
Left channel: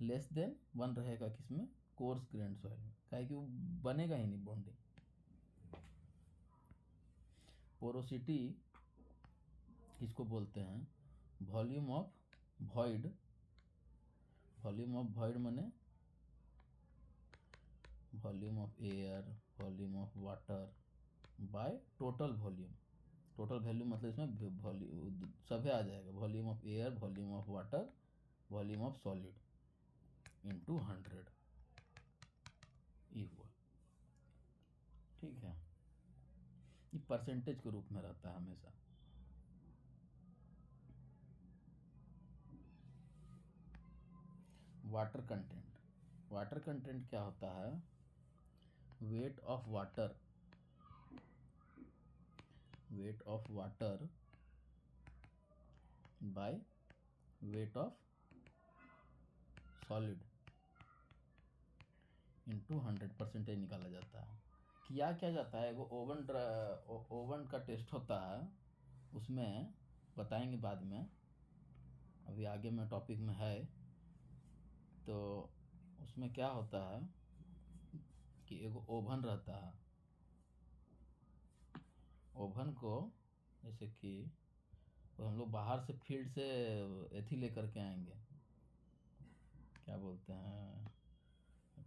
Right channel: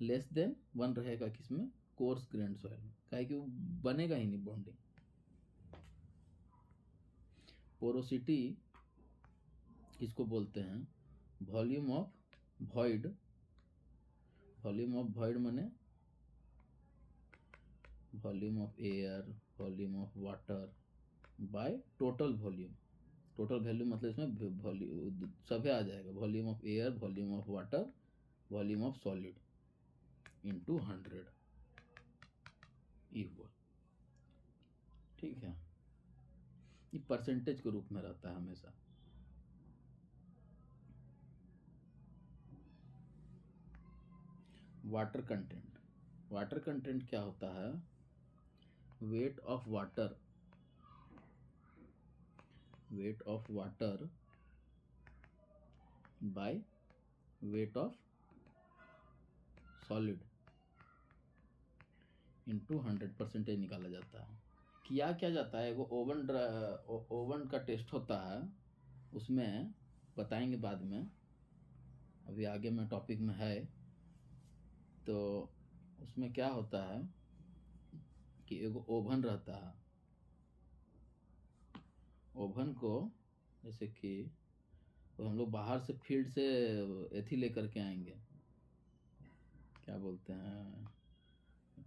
लेस देन 1 रहेगा किसमें, कोर्स ग्रेन्ड सॉइल में, काहे कि वो बनेगा ही नहीं बॉन्डिंग। पोरोसिटी किसको बोलते हैं, volume of void. Volume of void माने volume of air, volume of water by total volume. Total volume मतलब इसमें वॉल्यूम सभी आ जाएगा, volume of air, volume of water, volume of solid into 100 equal, ठीक है। ये परसेंटेज के रूप में रहता है हमेशा। वाटर कंटेंट, वाटर कंटेंट क्या होता है, weight of water, wait of water bye weight of solid into 100% निकाला जाता है। किया क्या जाता है, वो ओवन का टेस्ट होता है, उसमें बताएंगे बाद में, अभी आगे में टॉपिक में है। तो उसमें क्या होता है कि एक ओवन रहता है, ओवन को जैसे कि तो हम लोग बाहर से फील्ड से एथी लेकर के आएंगे, क्या बोलते हैं,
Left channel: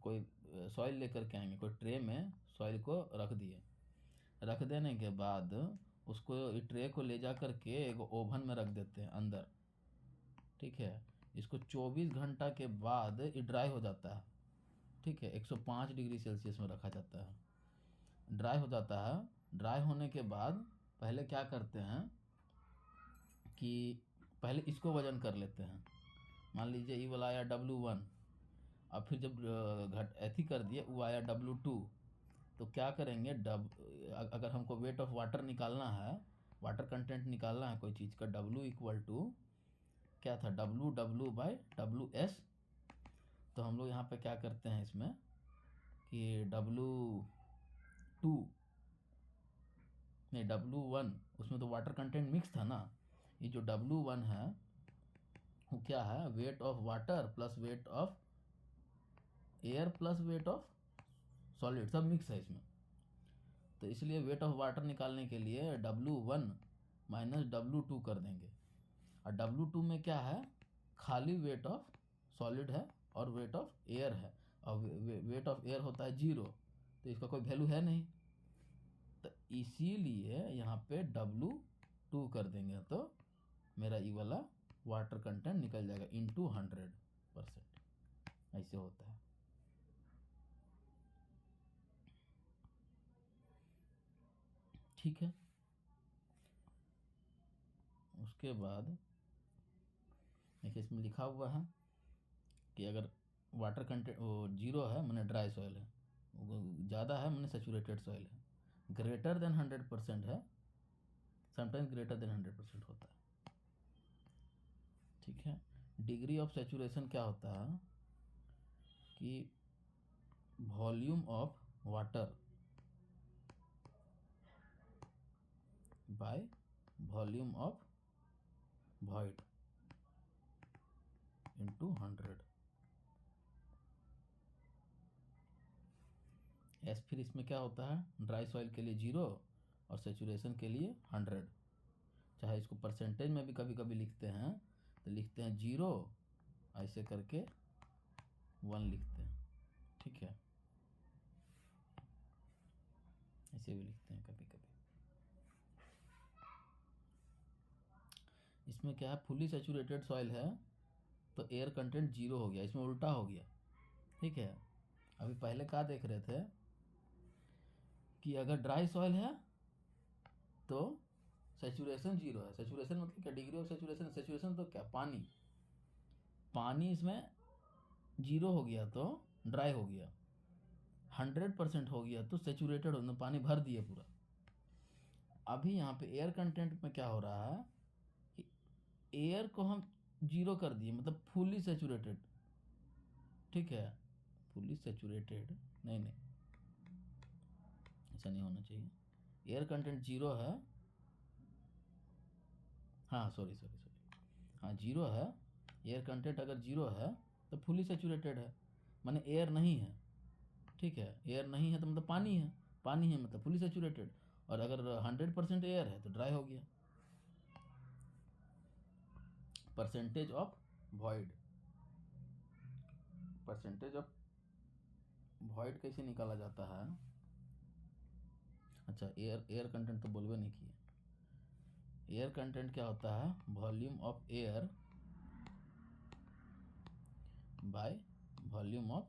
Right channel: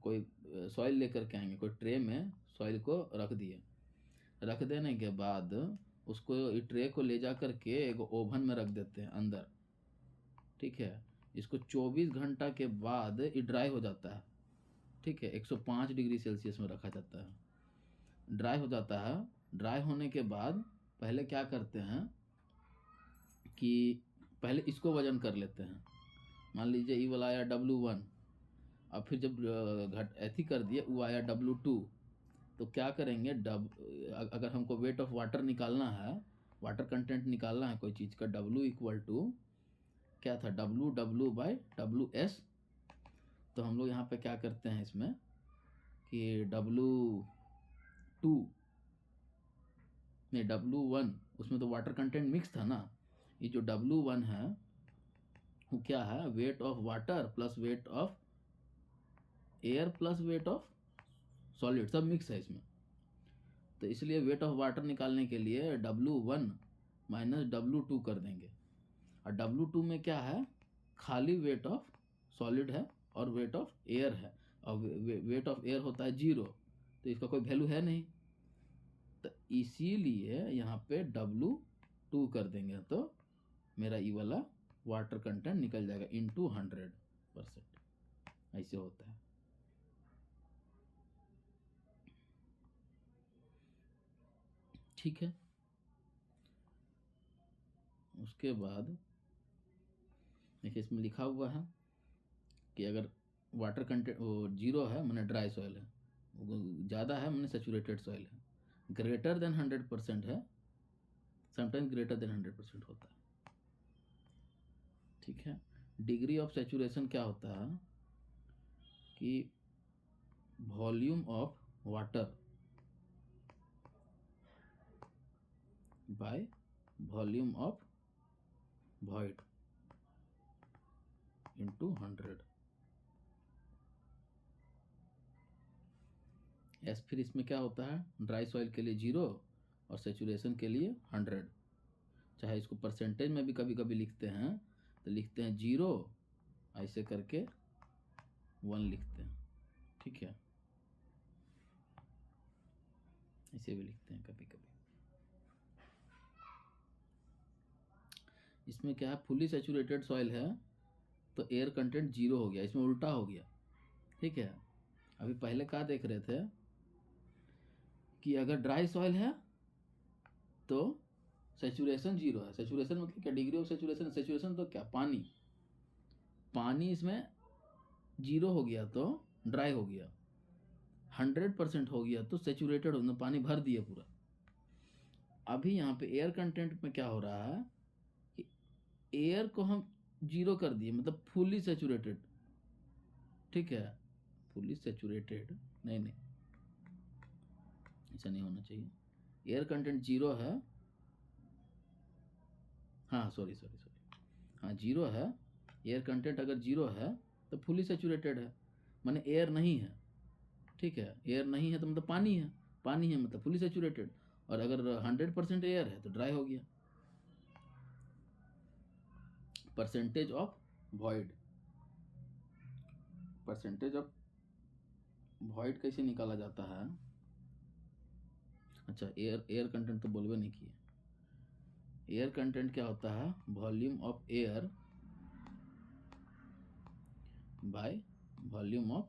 कोई सॉइल लेकर के आएंगे, कोई ट्रे में सॉइल को रख दिए, रख देने के बाद उसको ट्रे को ले जा कर के एक ओवन में रख देते हैं अंदर, ठीक है। इसको 24 घंटा के बाद ये ड्राई हो जाता है, ठीक है, 105 डिग्री सेल्सियस में रखा जाता है, ड्राई हो जाता है। ड्राई होने के बाद पहले क्या करते हैं कि पहले इसको वजन कर लेते हैं। मान लीजिए ई वाला आया W1, अब फिर जब घट ऐथी कर दिए वो आया W2, तो क्या करेंगे अगर हमको वेट ऑफ वाटर निकालना है, वाटर कंटेंट निकालना है कोई चीज़ का, W इक्वल टू क्या था, W तो हम लोग यहाँ पे क्या करते हैं इसमें कि W2 नहीं W1, उसमें तो वाटर कंटेंट मिक्स था ना, ये जो W1 है वो क्या है, weight of water plus weight of air plus wait of solid, सब मिक्स है इसमें। तो इसलिए वेट ऑफ वाटर निकालने के लिए W1 माइनस W2 कर देंगे, और W2 में क्या है, खाली वेट ऑफ सॉलिड है और वेट ऑफ एयर है, और वेट ऑफ एयर होता है 0, तो इसका कोई वैल्यू है नहीं, तो इसीलिए यहाँ पे W2 कर देंगे तो मेरा ये वाला वाटर कंटेंट निकल जाएगा इंटू 100%, ऐसे होता है। ठीक है, उसके बाद देखिए इसमें लिखा हुआ है कि अगर वाटर कंटेंट वो 0 है मैंने ड्राई सॉइल है, ज़्यादा है मैंने सेचुरेटेड सॉइल है, ग्रेटर देन 100% है, समटाइम्स ग्रेटर देन 100% होता है। ठीक है, डिग्री ऑफ सेचुरेशन क्या होता है कि volume of water bye volume of void into 100 S. फिर इसमें क्या होता है, ड्राई सॉइल के लिए 0 और सेचुरेशन के लिए 100, चाहे इसको परसेंटेज में भी कभी कभी लिखते हैं, तो लिखते हैं 0 ऐसे करके 1 लिखते हैं। ठीक है, ऐसे भी लिखते हैं कभी कभी। इसमें क्या है, फुली सेचुरेटेड सॉइल है तो एयर कंटेंट 0 हो गया, इसमें उल्टा हो गया। ठीक है, अभी पहले क्या देख रहे थे कि अगर ड्राई सॉइल है तो सेचुरेशन 0 है, सेचुरेशन मतलब क्या, डिग्री ऑफ सेचुरेशन, सेचुरेशन तो क्या, पानी, पानी इसमें 0 हो गया तो ड्राई हो गया, 100% हो गया तो सेचुरेटेड हो, पानी भर दिया पूरा। अभी यहाँ पे एयर कंटेंट में क्या हो रहा है कि एयर को हम 0 कर दिए, मतलब फुली सेचुरेटेड। ठीक है, फुली सेचुरेटेड नहीं, ऐसा नहीं होना चाहिए, एयर कंटेंट 0 है, हाँ सॉरी, हाँ 0 है, एयर कंटेंट अगर 0 है तो फुली सेचुरेटेड है, माने एयर नहीं है। ठीक है, एयर नहीं है तो मतलब पानी है, पानी है मतलब फुली सेचुरेटेड, और अगर 100% एयर है तो ड्राई हो गया। Percentage of void, percentage of void कैसे निकाला जाता है, अच्छा एयर कंटेंट तो बोलवे नहीं किए। एयर कंटेंट क्या होता है, volume of air by volume of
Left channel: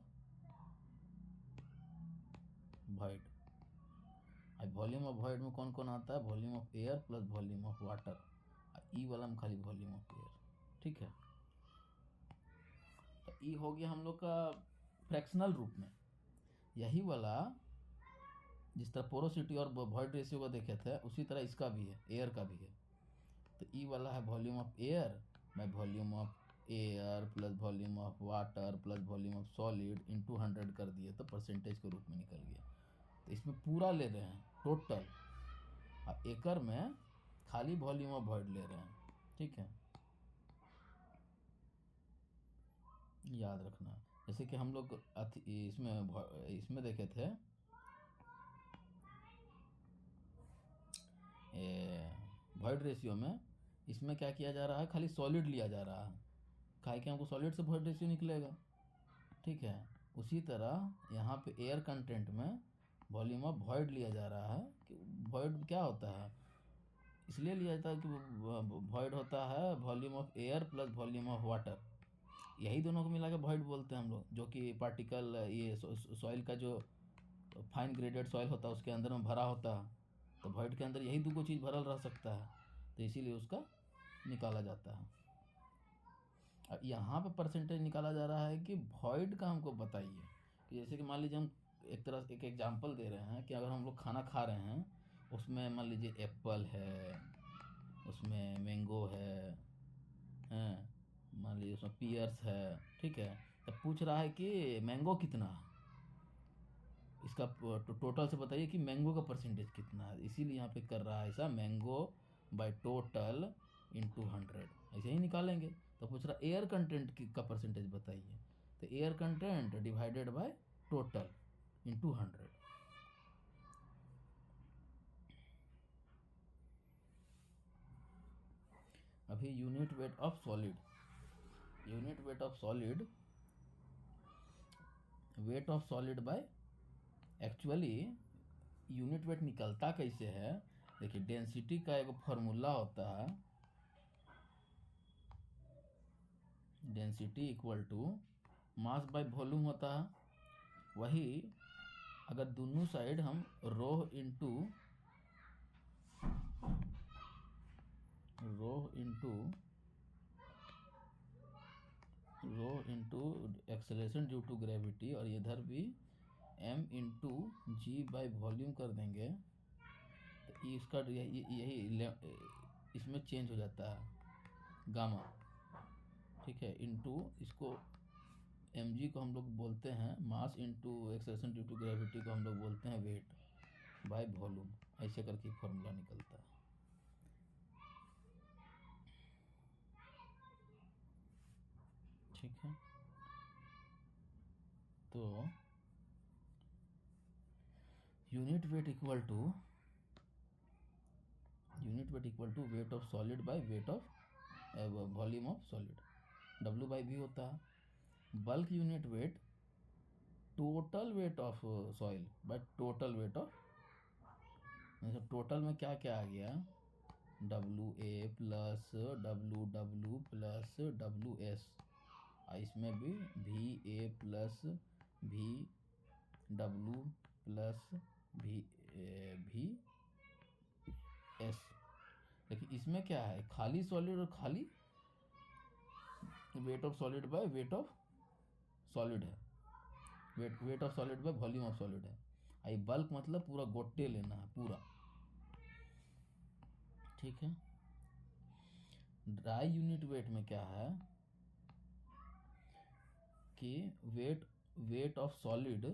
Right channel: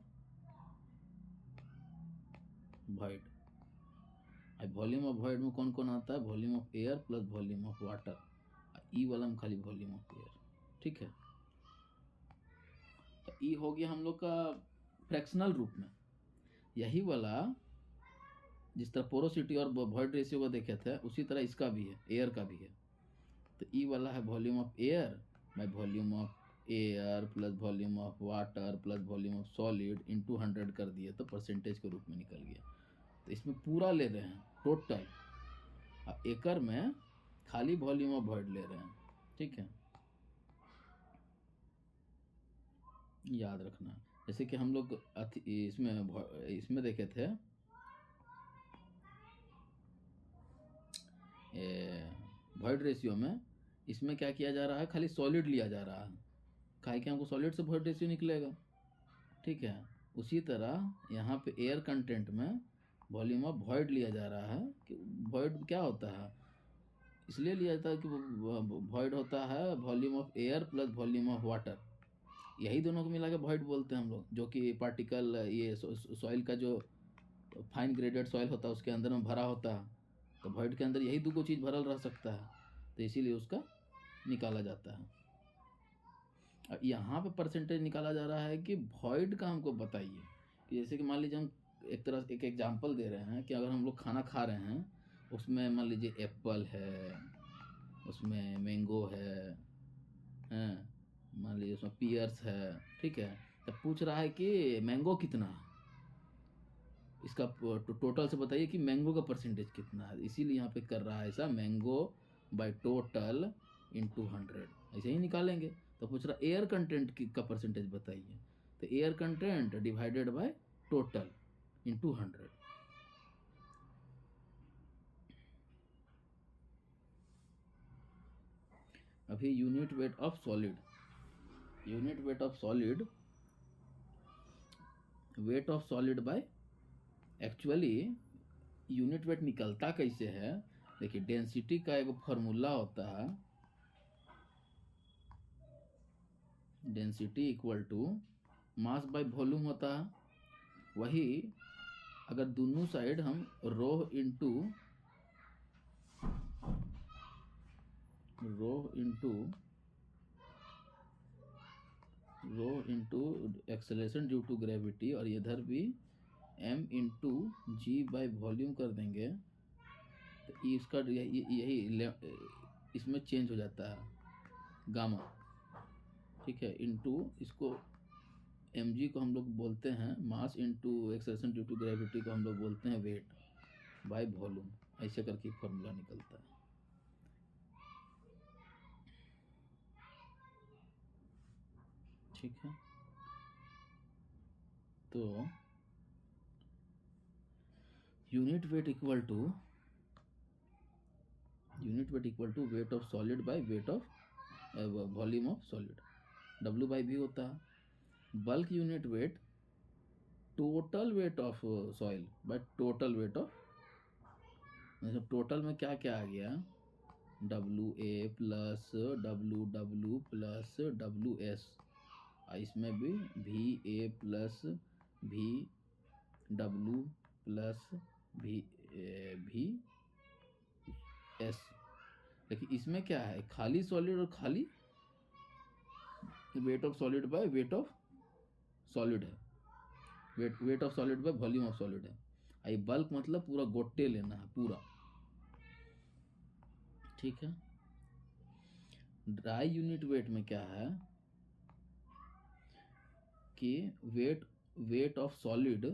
void. अब वॉल्यूम ऑफ वॉइड में कौन कौन आता है, volume of air plus volume of water, e वाला में खाली वॉल्यूम ऑफ एयर। ठीक है, तो ई हो गया हम लोग का फ्रैक्शनल रूप में। यही वाला जिस तरह पोरोसिटी और वॉइड रेशियो को देखे थे उसी तरह इसका भी है, एयर का भी है। तो ई वाला है volume of air by volume of air plus volume of water plus volume of solid into 100 कर दिए तो परसेंटेज के रूप में निकल गया। तो इसमें पूरा ले रहे हैं टोटल, और एकड़ में खाली वॉल्यूम ऑफ वॉइड ले रहे हैं। ठीक है, याद रखना। जैसे कि हम लोग इसमें देखे थे वॉइड रेशियो में, इसमें क्या किया जा रहा है, खाली सॉलिड लिया जा रहा है, काहे कि हमको सॉलिड से वॉइड रेशियो निकलेगा। ठीक है, उसी तरह यहाँ पे एयर कंटेंट में वॉल्यूम ऑफ वॉइड लिया जा रहा है कि वॉइड क्या होता है, इसलिए लिया जाता है कि वॉइड होता है volume of air plus volume of water, यही दोनों को मिला के वॉइड बोलते हैं हम लोग। जो कि पार्टिकल ये सॉइल का जो फाइन ग्रेडेड सॉइल होता है उसके अंदर में भरा होता है, तो वॉइड के अंदर यही दो चीज़ भरल रह सकता है, तो इसीलिए उसका निकाला जाता है। अब यहाँ पे परसेंटेज निकाला जा रहा है कि वॉइड का हमको बताइए कि जैसे कि मान लीजिए हम एक तरह एक एग्जांपल दे रहे हैं कि अगर हम लोग खाना खा रहे हैं, उसमें मान लीजिए एप्पल है, उसमें मैंगो है, मान लीजिए उसमें पियर्स है, ठीक है। तो पूछ रहा है कि मैंगो कितना है, इसका टोटल से बताइए कि मैंगो का परसेंटेज कितना है। इसीलिए यहाँ पे कर रहा है ऐसा, मैंगो बाय टोटल इंटू 100, ऐसे ही निकालेंगे। तो पूछ रहा एयर कंटेंट का परसेंटेज बताइए, तो air content divided by total into 100। अभी unit weight of solid, unit weight of solid, wait of solid bye, actually unit weight निकलता कैसे है, देखिए डेंसिटी का एक फॉर्मूला होता है, density equal to mass by volume होता है। वही अगर दोनों साइड हम rho into acceleration due to gravity, और इधर भी m into g by volume कर देंगे, तो इसका यही इसमें चेंज हो जाता है गामा, ठीक है। इंटू इसको mg को हम लोग बोलते हैं mass, into acceleration due to gravity को हम लोग बोलते हैं वेट बाय वॉल्यूम, ऐसे करके फॉर्मूला निकलता है। ठीक है, तो unit weight equal to weight of solid by weight of volume of solid, W by V होता है। Bulk unit weight total weight of soil by total weight of, मतलब टोटल में क्या क्या आ गया, WA plus WW plus WS, इसमें भी VA plus VW plus VS। लेकिन इसमें क्या है, खाली सॉलिड और खाली weight of solid by weight of solid है, weight of solid bye volume of solid है। आई बल्क मतलब पूरा गोटे लेना है पूरा, ठीक है। ड्राई यूनिट वेट में क्या है कि वेट ऑफ सॉलिड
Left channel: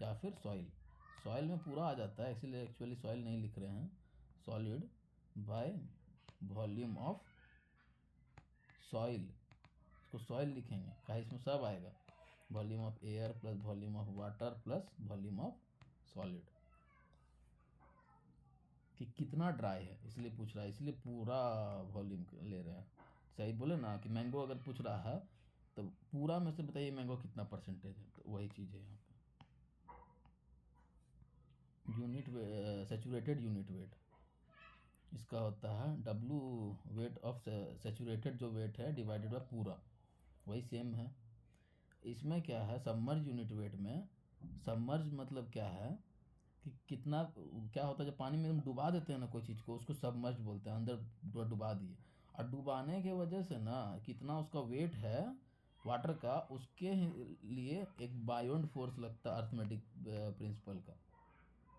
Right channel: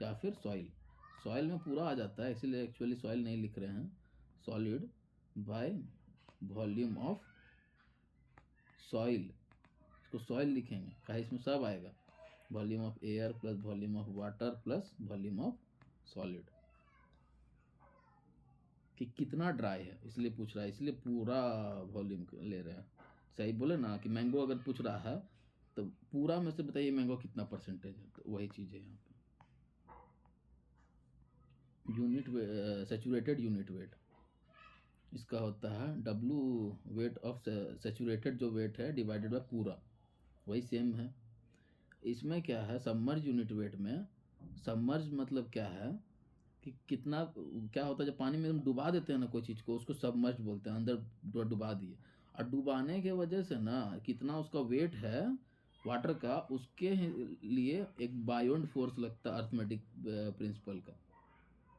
या फिर सॉइल में पूरा आ जाता है, इसीलिए एक्चुअली सॉइल नहीं लिख रहे हैं, solid bye volume of soil, इसको सॉइल लिखेंगे कहा इसमें सब आएगा, volume of air plus volume of water plus volume of solid, कि कितना ड्राई है इसलिए पूछ रहा है, इसलिए पूरा वॉल्यूम ले रहे हैं। सही बोले ना कि मैंगो अगर पूछ रहा है तो पूरा में से बताइए मैंगो कितना परसेंटेज है, तो वही चीज़ है यहाँ पे। यूनिट सैचुरेटेड यूनिट वेट, इसका होता है W वेट ऑफ सैचुरेटेड जो वेट है डिवाइडेड बाय पूरा, वही सेम है। इसमें क्या है सबमर्ज यूनिट वेट में, सबमर्ज मतलब क्या है कि कितना, क्या होता है जब पानी में हम डुबा देते हैं ना कोई चीज़ को, उसको सबमर्ज बोलते हैं, अंदर डुबा दिए, और डुबाने के वजह से ना कितना उसका वेट है वाटर का, उसके लिए एक बायोंड फोर्स लगता है अर्थमेटिक प्रिंसिपल का,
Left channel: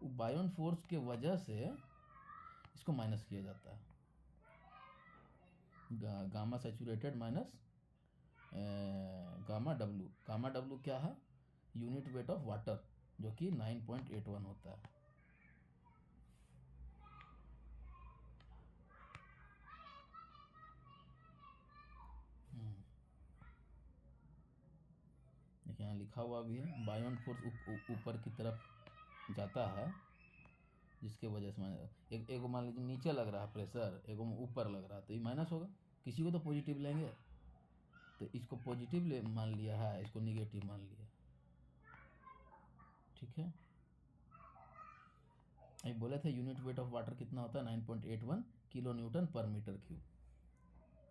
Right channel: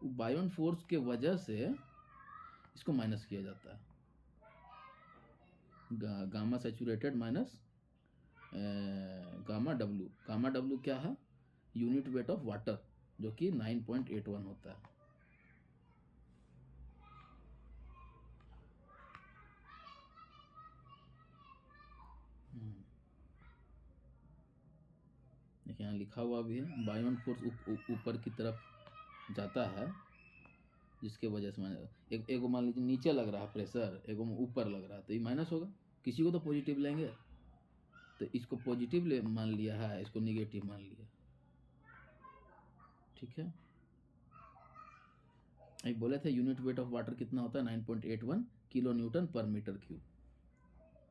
बायोंड फोर्स के वजह से इसको माइनस किया जाता है, gamma saturated minus gamma W क्या है, यूनिट वेट ऑफ वाटर, जो कि 9.81 होता है। देखिए यहाँ लिखा हुआ भी है, बायोंड फोर्स ऊपर की तरफ जाता है, जिसके वजह से एक मान लीजिए नीचे लग रहा है प्रेशर, एक ऊपर लग रहा है, तो ये माइनस होगा, किसी को तो पॉजिटिव लेंगे, तो इसको पॉजिटिव मान लिया है, इसको निगेटिव मान लिया, ठीक है। अभी बोले थे यूनिट वेट ऑफ वाटर कितना होता है, 9.81 किलो न्यूटन पर मीटर क्यूब।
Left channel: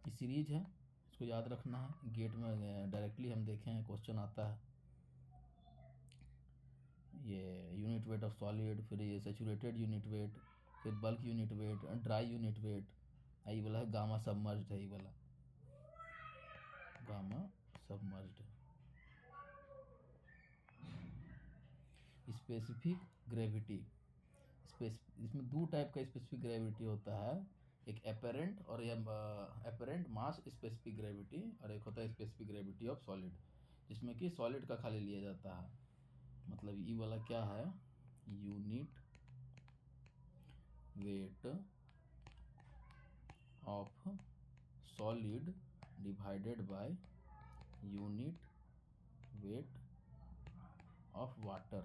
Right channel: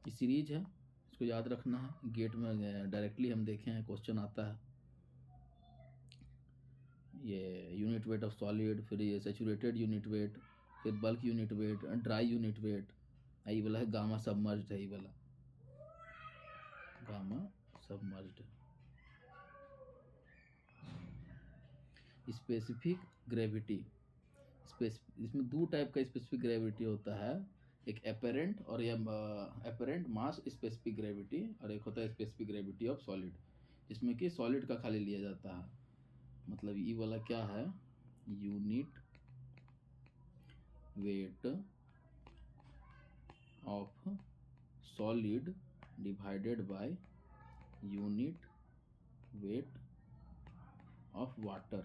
ये सीरीज है, इसको याद रखना है, गेट में डायरेक्टली हम देखे हैं क्वेश्चन आता है। ये यूनिट वेट ऑफ सॉलिड, फिर ये सेचुरेटेड यूनिट वेट, फिर bulk unit wait, dry unit weight. ये वाला है गामा सबमर्ज्ड, है ये वाला गामा सबमर्ज्ड। स्पेसिफिक ग्रेविटी, इसमें दो टाइप का स्पेसिफिक ग्रेविटी होता है, एक एपेरेंट और ये एपेरेंट मास स्पेसिफिक ग्रेविटी, और एक होता है स्पेसिफिक ग्रेविटी ऑफ सॉलिड, जिसमें कि सॉलिड का खाली लिया जाता है। मतलब ये वाला क्या है, unit weight of solid divided by unit weight of water,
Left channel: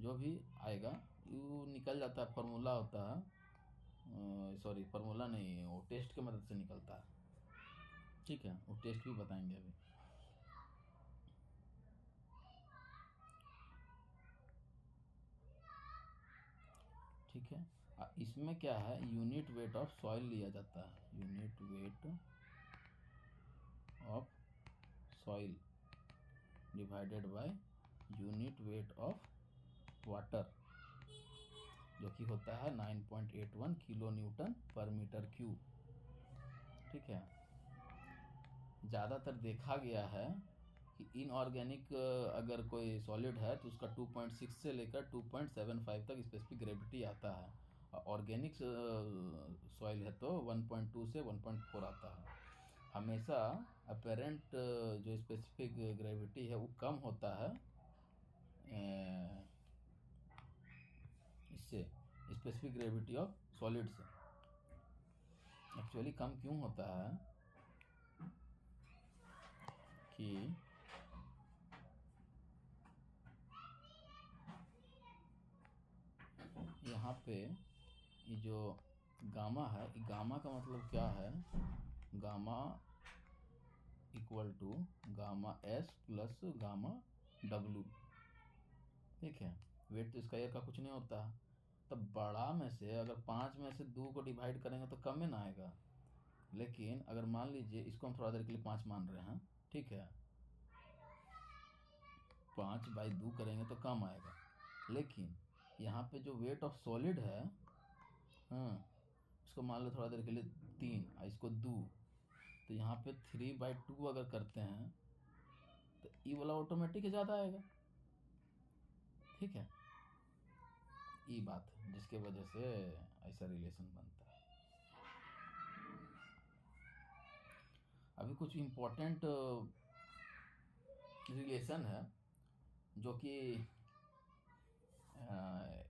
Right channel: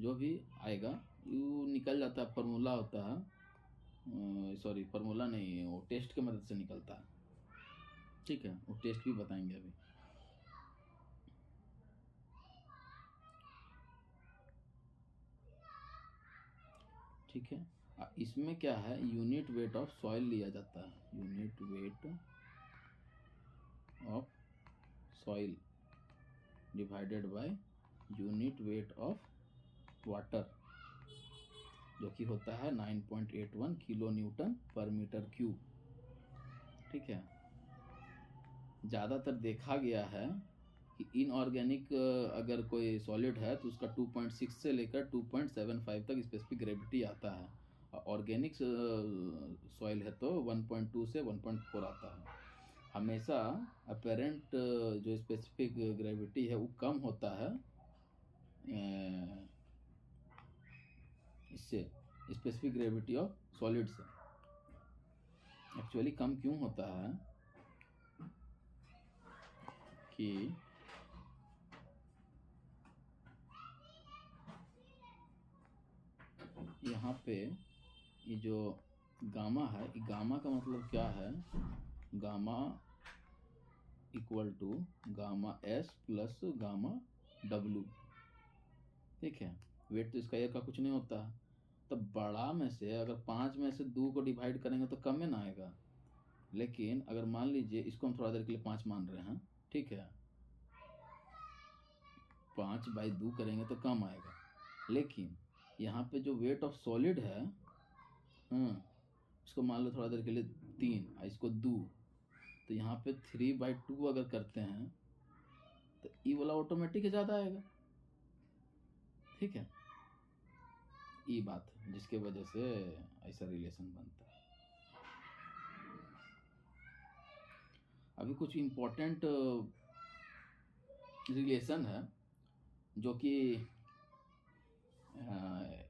जो भी आएगा वो निकल जाता है, फार्मूला होता है, सॉरी फार्मूला नहीं, वो टेस्ट के मदद से निकलता है। ठीक है, वो टेस्ट भी बताएंगे अभी। ठीक है, इसमें क्या है, यूनिट वेट ऑफ सॉइल लिया जाता है, unit weight of soil divided by unit weight of water, जो कि होता है 9.81 किलो न्यूटन पर मीटर क्यूब। ठीक है, ज़्यादातर देखा गया है कि इनऑर्गेनिक अगर कोई सॉलिड है तो उसका 2.6 से लेकर 2.75 तक स्पेसिफिक ग्रेविटी आता है, और ऑर्गेनिक सॉइल है तो 1.2 से 1.4 आता है। हमेशा अपेरेंट जो स्पेसिफिक ग्रेविटी है वो कम होता है इससे, स्पेसिफिक ग्रेविटी ऑफ सॉलिड से। एक्चुअली कम क्यों होता है कि यहाँ पे ये जो गामा है, गामा का मतलब क्या है, gamma equal to gamma S plus gamma W. ठीक है, वेट तो इसका एक का कुछ नहीं होता, तो बड़ा में से अगर 5 में से 2 को डिवाइड करेंगे तो कम में ना आएगा, लेकिन अगर मान लीजिए इसको हम थोड़ा देर के लिए 5 मान रहे हैं, ठीक है, 5/2 करेंगे तो कम आएगा, लेकिन यहाँ पे जो वेट ऑफ सॉलिड है, इसको मान लो थोड़ा देर के लिए 3 और इसको 2, तो यहाँ पे 3/2 अगर करते हैं तो ई वाला ऑटोमेटिक ज़्यादा आएगा। ठीक है, ये बात है जिसके वजह से ऐसा रिलेशन बनता है। अभी कुछ इम्पोर्टेंट रिलेशन है जो कि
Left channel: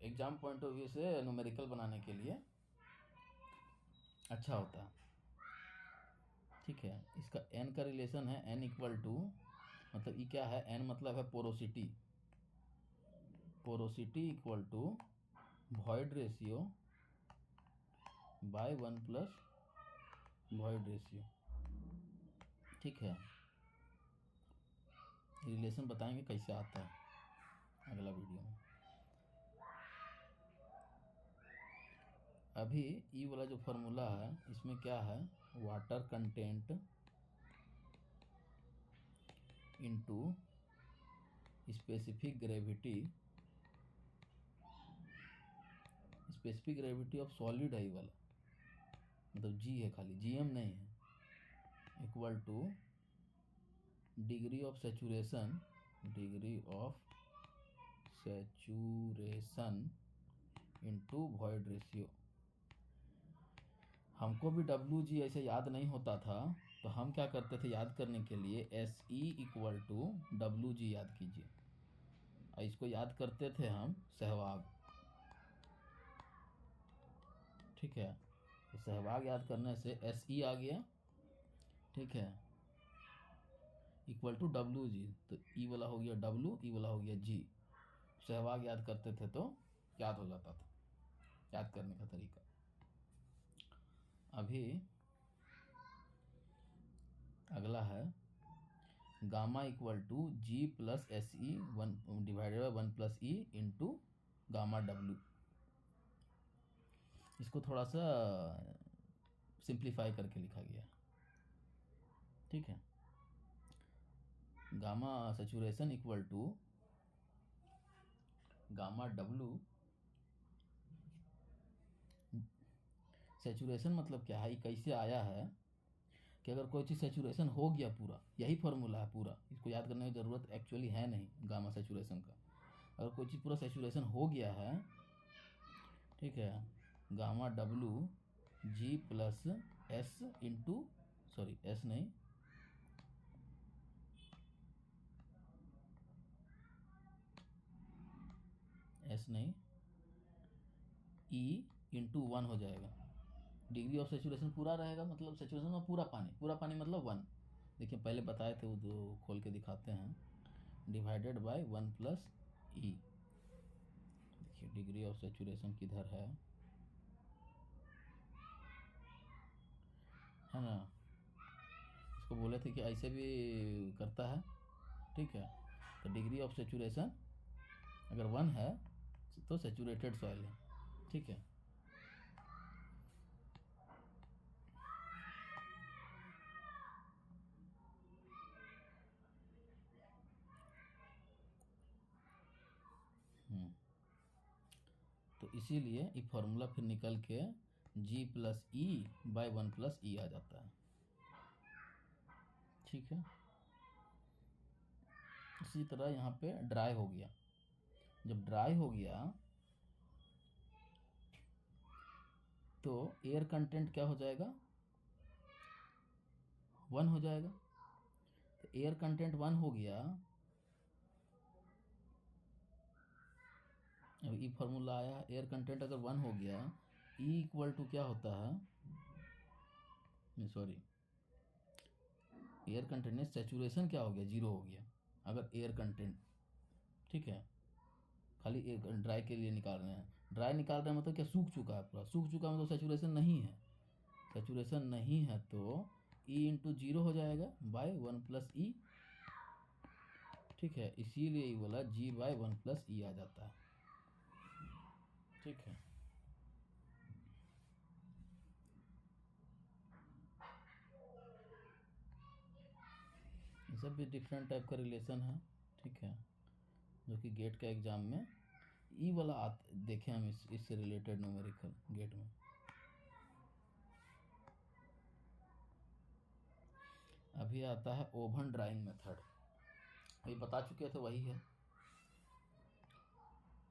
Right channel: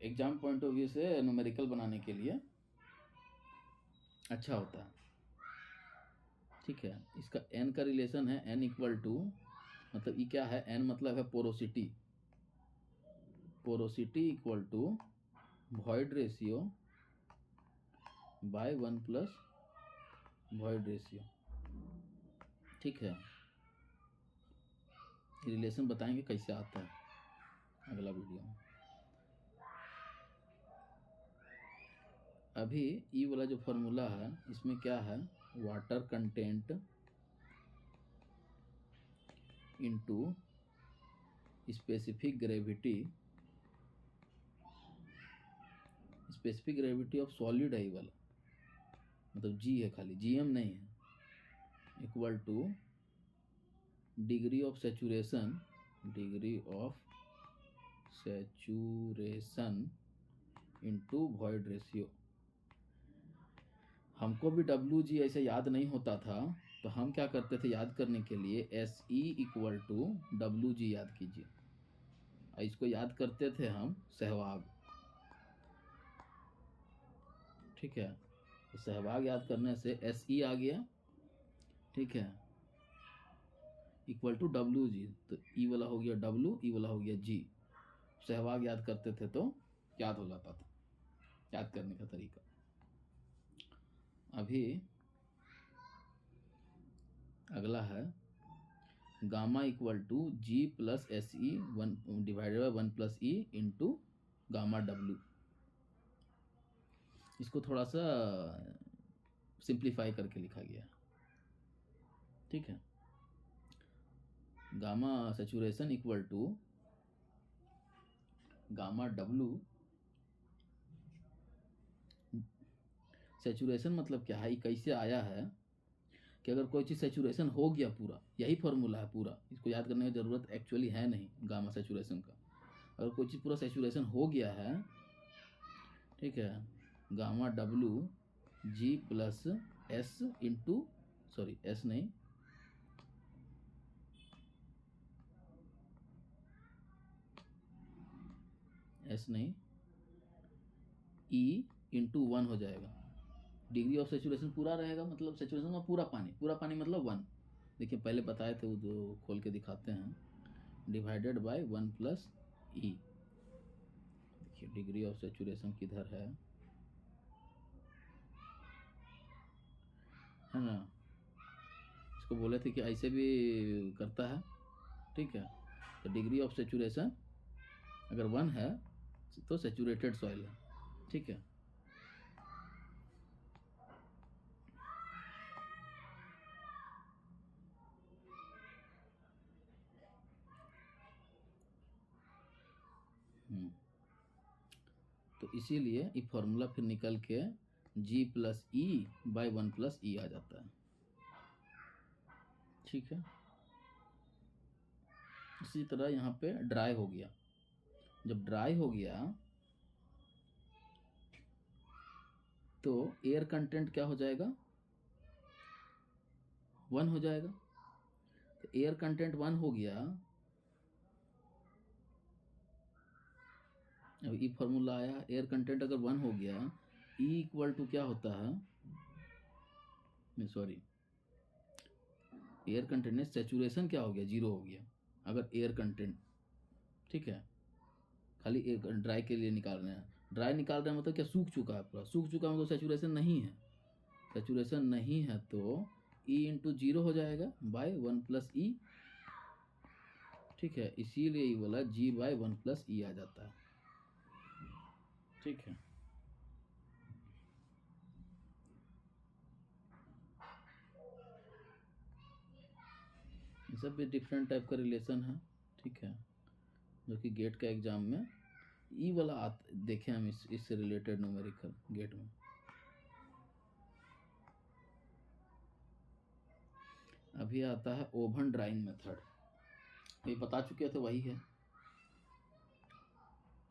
एग्जाम पॉइंट ऑफ व्यू से न्यूमेरिकल बनाने के लिए अच्छा होता है। ठीक है, इसका एन का रिलेशन है, एन इक्वल टू, मतलब ये क्या है, एन मतलब है porosity, porosity equal to void ratio by 1 plus void ratio. ठीक है, रिलेशन बताएंगे कैसे आता है अगला वीडियो में। अभी ये वाला जो फॉर्मूला है इसमें क्या है, water content into specific gravity, specific gravity of solid है ये वाला, मतलब जी है खाली, जीएम नहीं है, equal two degree of saturation, degree of saturation into void ratio. हमको भी डब्ल्यू जी ऐसे याद नहीं होता था, तो हम क्या करते थे याद करने के लिए, S E equal to W G याद कीजिए, इसको याद करते थे हम सहवाग। ठीक है, तो सहवाग याद करने से एस ई आ गया, ठीक है, इक्वल टू डब्ल्यू जी, तो ई वाला हो गया डब्ल्यू, ई वाला हो गया जी। सहवाग याद करते थे तो याद हो जाता था, याद करने का तरीका। अभी अगला है gamma equal to G plus S E 1 divided by 1 plus E into gamma W. इसको थोड़ा सा सिंप्लीफाई करके लिखा गया। ठीक है, gamma saturation equal to gamma W saturation मतलब क्या है, ये कैसे आया है कि अगर कोई चीज़ सेचुरेशन हो गया पूरा, यही फॉर्मूला है पूरा, इसको याद करने की ज़रूरत एक्चुअली है नहीं गामा सेचुरेशन का। अगर कोई चीज़ पूरा सेचुरेशन हो गया है, ठीक है, गामा डब्लू g plus s into, sorry s नहीं, एस नहीं, ई इंटू 1 हो जाएगा। डिग्री ऑफ सेचुरेशन पूरा रहेगा, मतलब सेचुरेशन में पूरा पानी मतलब 1। देखिए पहले बताए थे वो, जो खोल के दिखाते हैं, डिवाइडेड बाय 1 प्लस ई। देखिए डिग्री ऑफ सेचुरेशन किधर है ना, इसको बोले थे कि ऐसे भी करता है, ठीक है। तो डिग्री ऑफ सेचुरेशन अगर 1 है तो सेचुरेटेड सॉइल है, ठीक है। तो इसीलिए ये फॉर्मूला फिर निकल के जी प्लस ई बाई 1 प्लस ई आ जाता है, ठीक है। इसी तरह यहाँ पे ड्राई हो गया, जब ड्राई हो गया तो एयर कंटेंट क्या हो जाएगा, 1 हो जाएगा। तो एयर कंटेंट 1 हो गया, अब ई फॉर्मूला आया, एयर कंटेंट अगर 1 हो गया, ई इक्वल टू क्या होता है, सॉरी, एयर कंटेंट में सेचुरेशन क्या हो गया, 0 हो गया अगर एयर कंटेंट, ठीक है। खाली एक ड्राई के लिए निकाल रहे हैं, ड्राई निकाल रहे हैं मतलब क्या, सूख चुका है पूरा, सूख चुका है मतलब सेचुरेशन नहीं है, सेचुरेशन नहीं है तो ई इंटू 0 हो जाएगा बाय 1 प्लस ई, ठीक है। इसीलिए ये बोला जी बाय 1 प्लस ई आ जाता है, ठीक है। ये सब भी डिफरेंट टाइप का रिलेशन है, ठीक है, जो कि गेट का एग्जाम में ई वाला देखे हम, इससे रिलेटेड न्यूमेरिकल गेट में। अभी आता है ओवन ड्राइंग मेथड, ये बता चुके थे, वही है,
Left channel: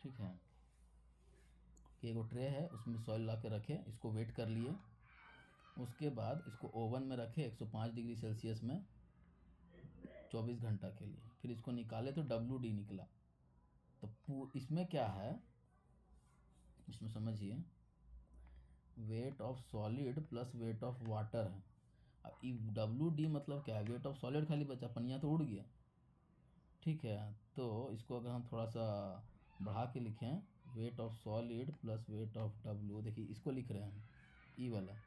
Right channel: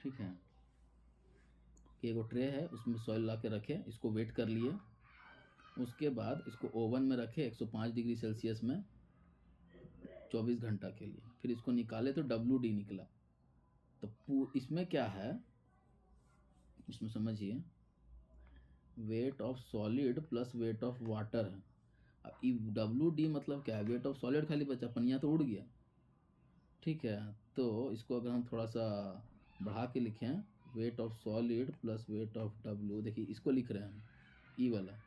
ठीक है। कि एगो ट्रे है, उसमें सॉइल ला के रखे, इसको वेट कर लिए, उसके बाद इसको ओवन में रखे 105 डिग्री सेल्सियस में 24 घंटा के लिए, फिर इसको निकाले तो WD निकला। तो इसमें क्या है, इसमें समझिए, wait of solid plus wait of water है। अब WD मतलब क्या है, वेट ऑफ सॉलिड खाली बचा, पनिया तो उड़ गया, ठीक है। तो इसको अगर हम थोड़ा सा बढ़ा के लिखें, wait of solid plus weight of W, देखिए इसको लिख रहे हैं हम, ई वाला,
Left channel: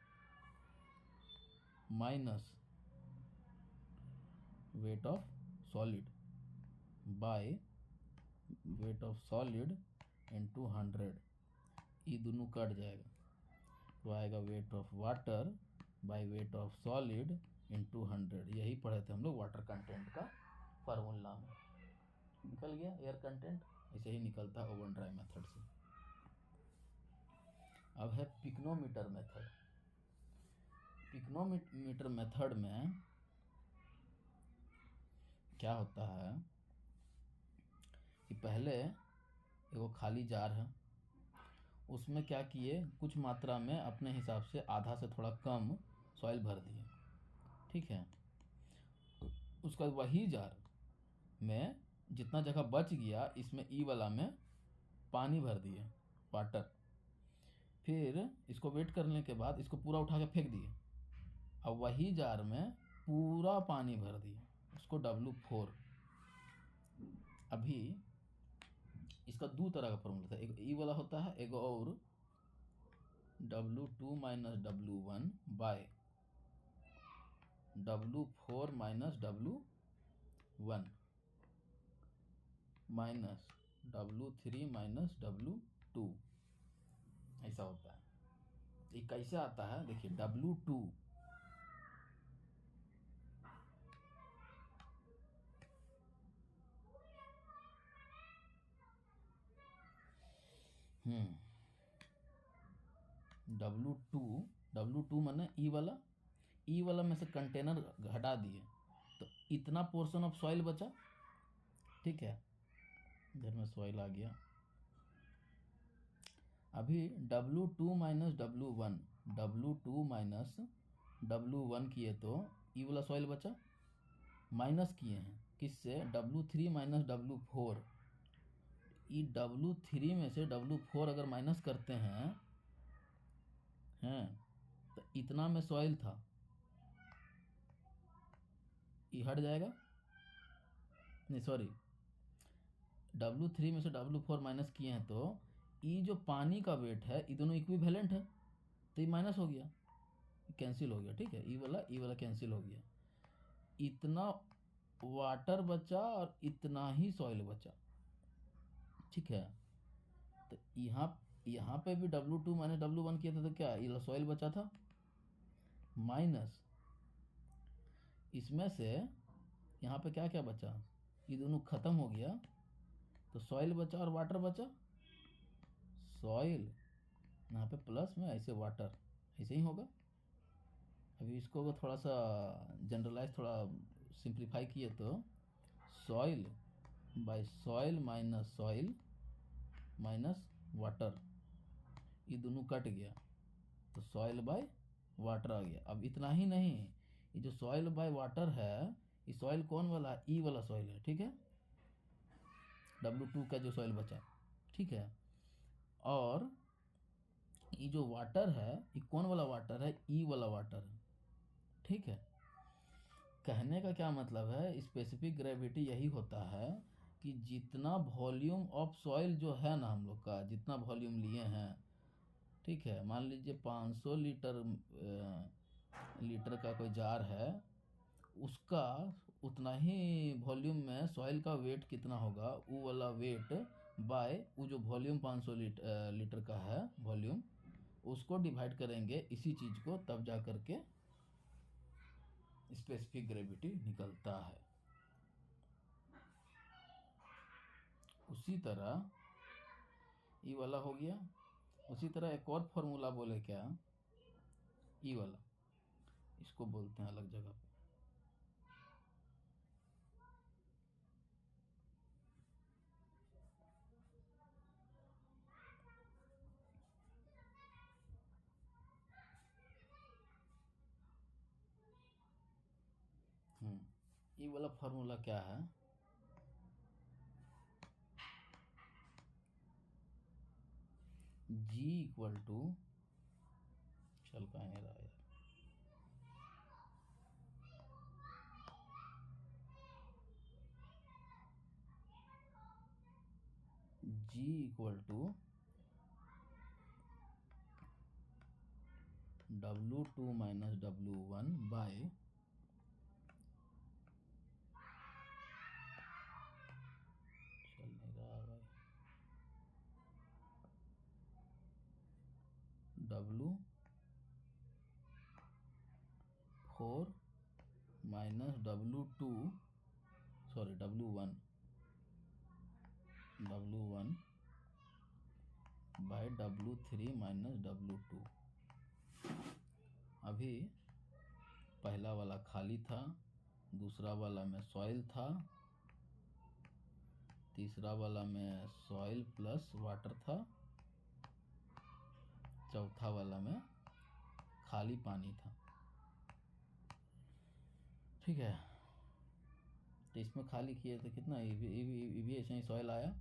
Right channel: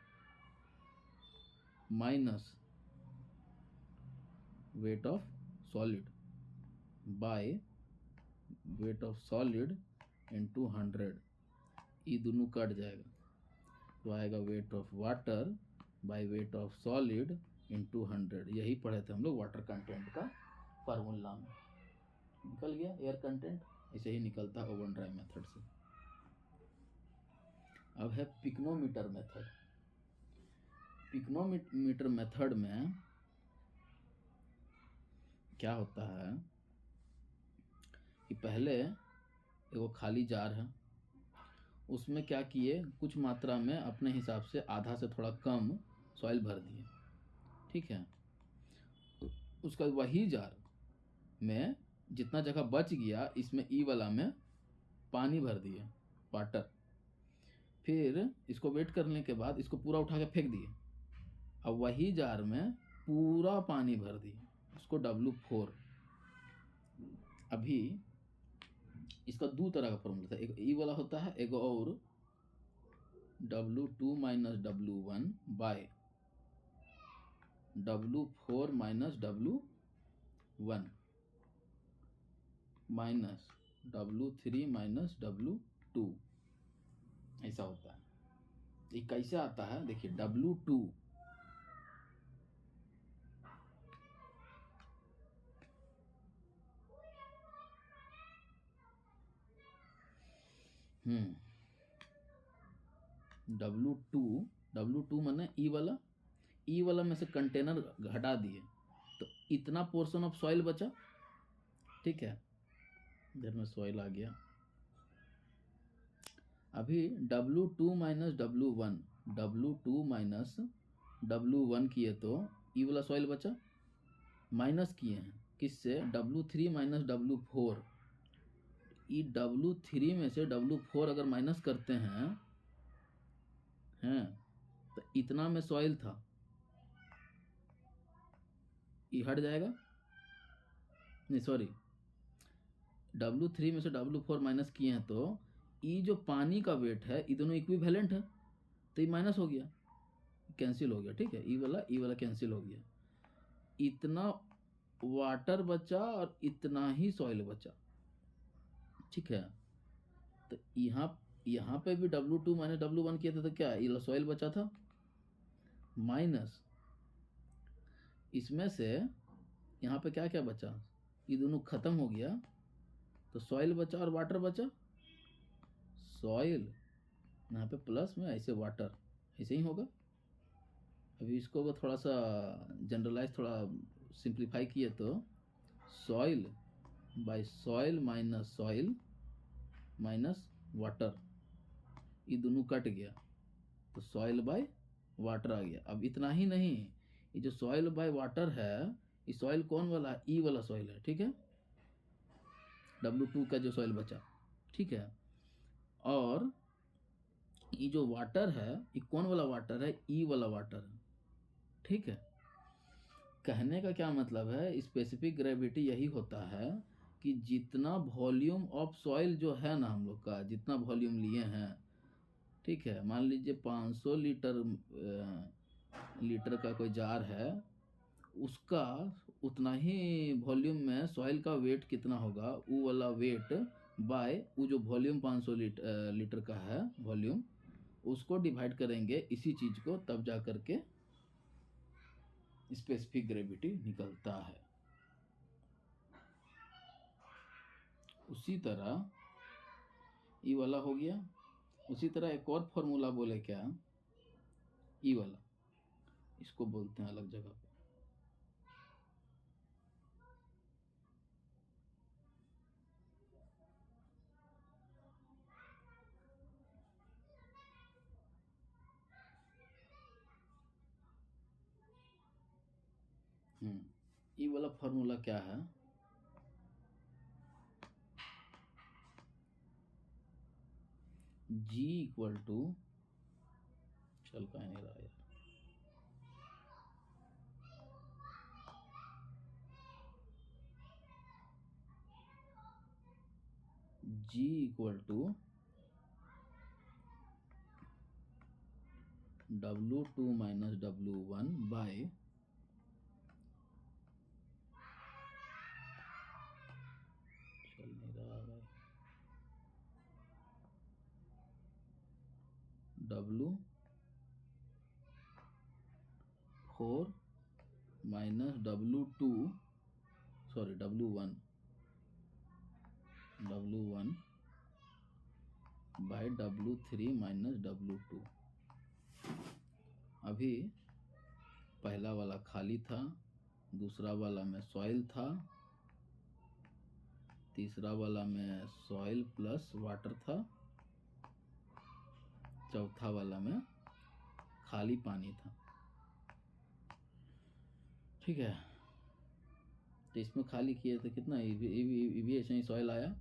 minus weight of solid by weight of solid into 100, ये दोनों कट जाएगा, तो आएगा wait of water bye weight of solid into 100। यही पढ़े थे हम लोग वाटर कंटेंट का फार्मूला में, निकल गया एयर कंटेंट, ऐसे ही निकलता है ओवन ड्राई मेथड से। अब है पिक्नोमीटर मेथड। पिक्नोमीटर मेथड में क्या होता है कि पहले एगो खाली जार है, उसमें क्या किए, कुछ मात्रा में अपने हिसाब से आधा से थोड़ा कम सॉइल भर दिए, ठीक है। उसका वही जार में जितना जगह बच गया, इसमें ई वाला में पानी भर दिए, वाटर। फिर इसको वेट करने के बाद इसको पूरा उठा के फेंक दिए, अब वही जार में पूरा पानी भर दिए, उसको W4। अभी इसका दो तरह का फॉर्मूला था, एक ई वाला होता है, एक और W2 minus W1 by W4 minus W1 minus W3 minus W2, ऐसा होता है। ये कैसे आता है, देखिए W2 W2 माने ई वाला में से कंटेनर हटा दिए तो इतना पोर्शन ऑफ सॉइल बचा। ठीक है, इधर में सॉइल आ गया। अभी W2 माइनस W1 किए तो ई वाला सॉइल बचा, माइनस किए हैं किससे, W3 माइनस W4। ई W3 में से W4 अगर माइनस करते हैं तो इतना में सॉइल था, ये हट जाएगा, नहीं सॉरी, W3 में से W4 माइनस किए हैं तो ये जो पानी का वेट है ये दोनों इक्विवेलेंट है, तो ये माइनस हो गया, कैंसिल हो गया। ठीक है, ई वाला कैंसिल हो गया, इतना वाटर बचा और इतना ही सॉइल बचा। ठीक है, तो यहाँ पे भी W2 माइनस W1 किया था तो क्या ये सॉइल बचा था, माइनस इसमें से यहाँ पे क्या क्या बचा, ये दोनों खत्म हो गया तो सॉइल बचा और वाटर बचा। सॉइल यहाँ पे प्लस में ऐसे वाटर, ऐसे ही होगा। अभी इसको अगर थोड़ा सा जनरलाइज, थोड़ा सिंप्लीफाई किए तो soil by soil minus water, ये दोनों कट गया तो सॉइल बाय वाटर आ गया। अब इतना ही नहीं, ये जो सॉइल बाय वाटर है ये सॉइल कौन वाला है, ई वाला सॉइल है। ठीक है, W2 का जो सॉइल बचा। ठीक है, और ये जो वाटर है ये कौन वाला वाटर है, ई वाला वाटर है। ठीक है, कहने का क्या मतलब है, स्पेसिफिक ग्रेविटी यही होता है कि जितना वॉल्यूम ऑफ सॉइल जो है ना, हम लोग का जितना वॉल्यूम लिए हैं, ठीक है, मान लीजिए 500 लीटर का कोई जार है, उसका उतना ही वॉल्यूम में सॉइल का वेट कितना होगा, वो वाला वेट बाय वो जो वॉल्यूम 500 लीटर का है वॉल्यूम, उसको डिवाइड करेंगे इसी चीज़ को, तब जा करके स्पेसिफिक ग्रेविटी निकलता है। उसी तरह ई वाला हो गया। उसी तरह एक और फॉर्मूला बोले क्या, ई वाला, इसको बोलते हैं अलग जगह पे, ई वाला फॉर्मूला क्या है, G इक्वल टू, चल कहीं नहीं रहा यार, G equal to W2 minus W1 by चल नहीं रहा भाई, W4 minus W2 sorry W1 bye W3 minus W2। अभी पहला वाला खाली था, दूसरा वाला में सॉइल था, तीसरा वाला में सॉइल प्लस वाटर था, चौथा वाला में खाली पानी था। ठीक है, तो इसमें खाली किए तो कितना, ये भी ऐसे ही सॉइल आया,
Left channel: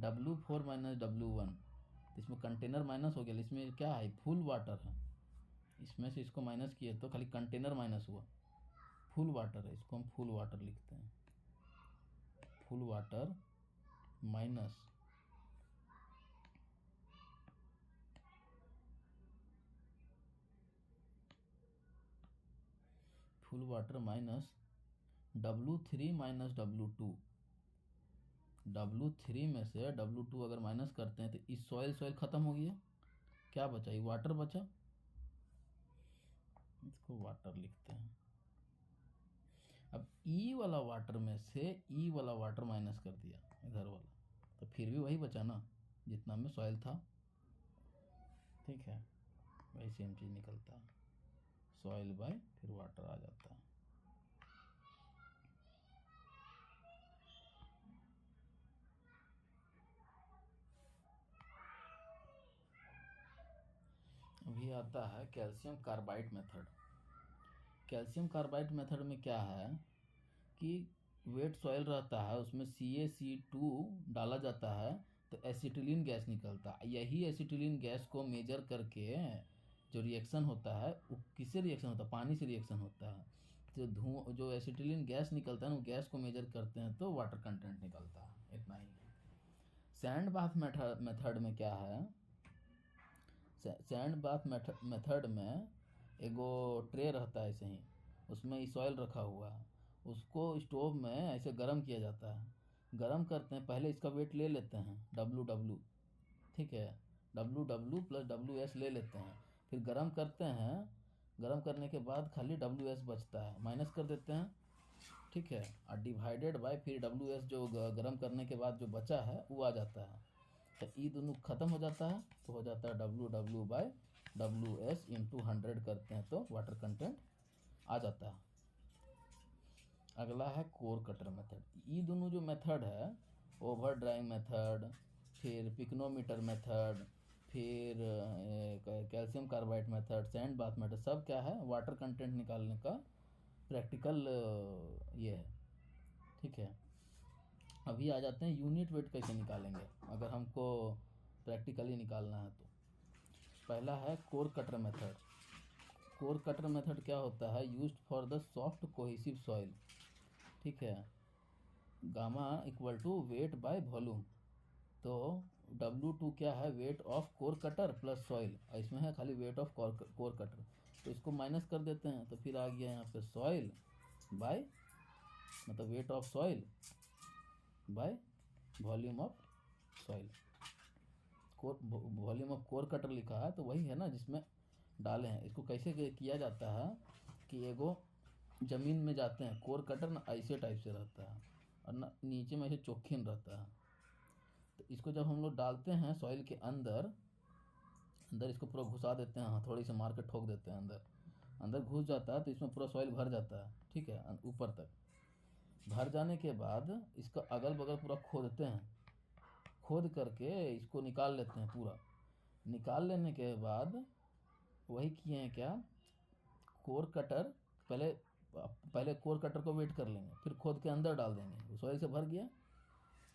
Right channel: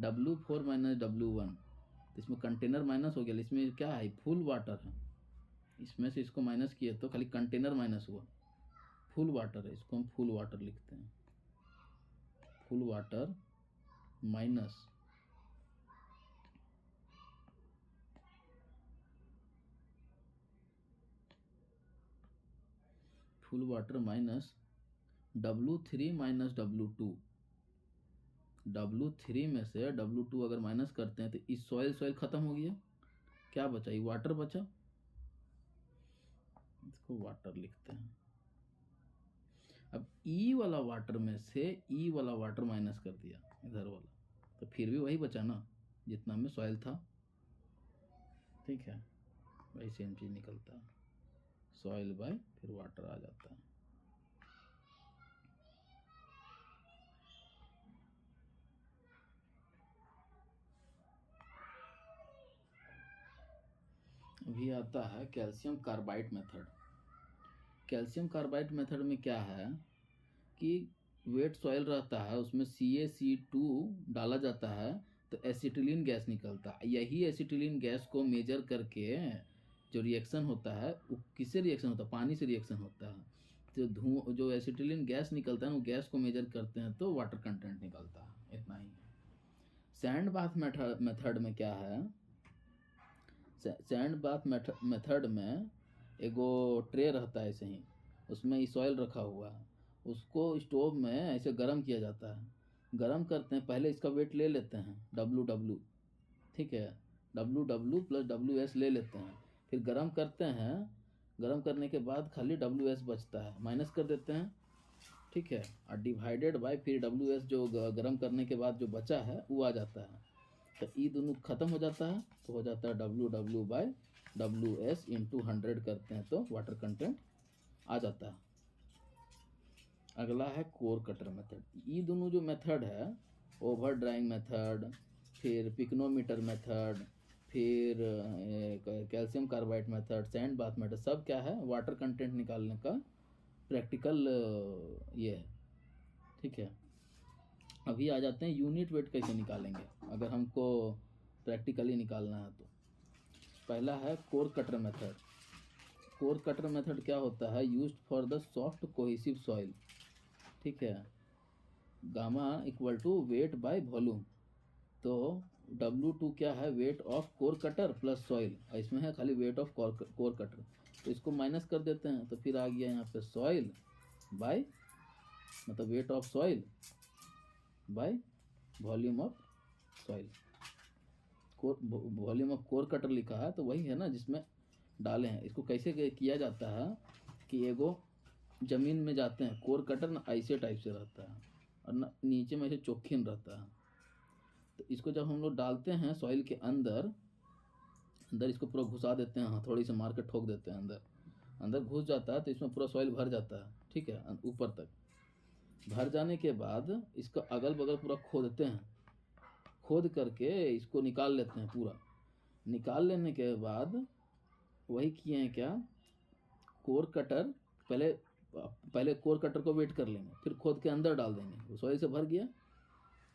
W4 माइनस W1, तो इसमें कंटेनर माइनस हो गया, इसमें क्या है, फुल वाटर है, इसमें से इसको माइनस किए तो खाली कंटेनर माइनस हुआ, फुल वाटर है, इसको हम फुल वाटर लिखते हैं, full water minus W3 minus W2। W3 में से W2 अगर माइनस करते हैं तो इस सॉइल खत्म हो गया, क्या बचा, ये वाटर बचा, इसको वाटर लिखते हैं। अब ई वाला वाटर में से ई वाला वाटर माइनस कर दिया इधर वाला, तो फिर भी वही बचा ना जितना में सॉइल था, ठीक है, वही सेम चीज़ निकलता है, सॉइल बाय फिर वाटर आ जाता है। अभी आता है calcium carbide method. Calcium carbide method में क्या है कि वेट सॉइल रहता है, उसमें CaC2 डाला जाता है तो एसिटिलीन गैस निकलता है। यही एसिटिलीन गैस को मेजर करके जो रिएक्शन होता है वो किससे रिएक्शन होता है, पानी से रिएक्शन होता है। तो जो एसिटिलीन गैस निकलता है वो गैस को मेजर करते हैं तो वाटर कंटेंट निकलता है, इतना ही है। सैंड बाथ मेथड में क्या है, सैंड बाथ मेथड में एगो ट्रे रहता है ऐसे ही, उसमें सॉइल रखा हुआ है, उसको स्टोव में ऐसे गर्म किया जाता है। गर्म करते हैं, पहले इसका वेट ले लेते हैं WW, ठीक है, WW + WS ले लेते हैं, फिर गर्म करते हैं। गर्म करने के बाद खाली WS बचता है, माइनस कर देते हैं, ठीक है, और डिवाइडेड बाय फिर WS जो गर्म करने के बाद जो बचा है वो आ जाता है। तो ये दोनों ख़त्म हो जाता है तो हो जाता है WW/WS × 100 करते हैं तो वाटर कंटेंट आ जाता है। अगला है कोर कटर मेथड। ये दोनों जो मेथड है, ओवर ड्राइंग मेथड, फिर पिक्नोमीटर मेथड, फिर calcium carbide method, sand bath method, सब क्या है, वाटर कंटेंट निकालने का प्रैक्टिकल ये है, ठीक है। अभी आ जाते हैं यूनिट वेट कैसे निकालेंगे अगर हमको प्रैक्टिकली निकालना है तो। पहला है core cutter method. Core cutter method क्या होता है, used for the soft cohesive soil, ठीक है। गामा = वेट बाय वॉल्यूम, तो W2 क्या है, weight of core cutter plus soil, इसमें है खाली वेट ऑफ कोर कटर, तो इसको माइनस कर देते हैं तो फिर आ गया यहाँ पे सॉइल बाय, मतलब wait of soil bye volume of soil. Volume of core cutter लिखा है तो वही है ना जिसमें डाले हैं। इसको कैसे किया जाता है कि एगो ज़मीन में जाते हैं, कोर कटर ना ऐसे टाइप से रहता है और ना नीचे में ऐसे चौखिन रहता है, तो इसको जब हम लोग डालते हैं सॉइल के अंदर इसको पूरा घुसा देते हैं, हथौड़ी से मार के ठोक देते हैं, अंदर घुस जाता है तो इसमें पूरा सॉइल भर जाता है, ठीक है। ऊपर तक भर जाने के बाद इसका अगल बगल पूरा खोदते हैं, खोद करके इसको निकाल लेते हैं पूरा। निकाल लेने के बाद वही किए हैं क्या, कोर कटर पहले कोर कटर को वेट कर लेंगे, फिर खोद के अंदर डाल देंगे, वो सॉइल से भर गया।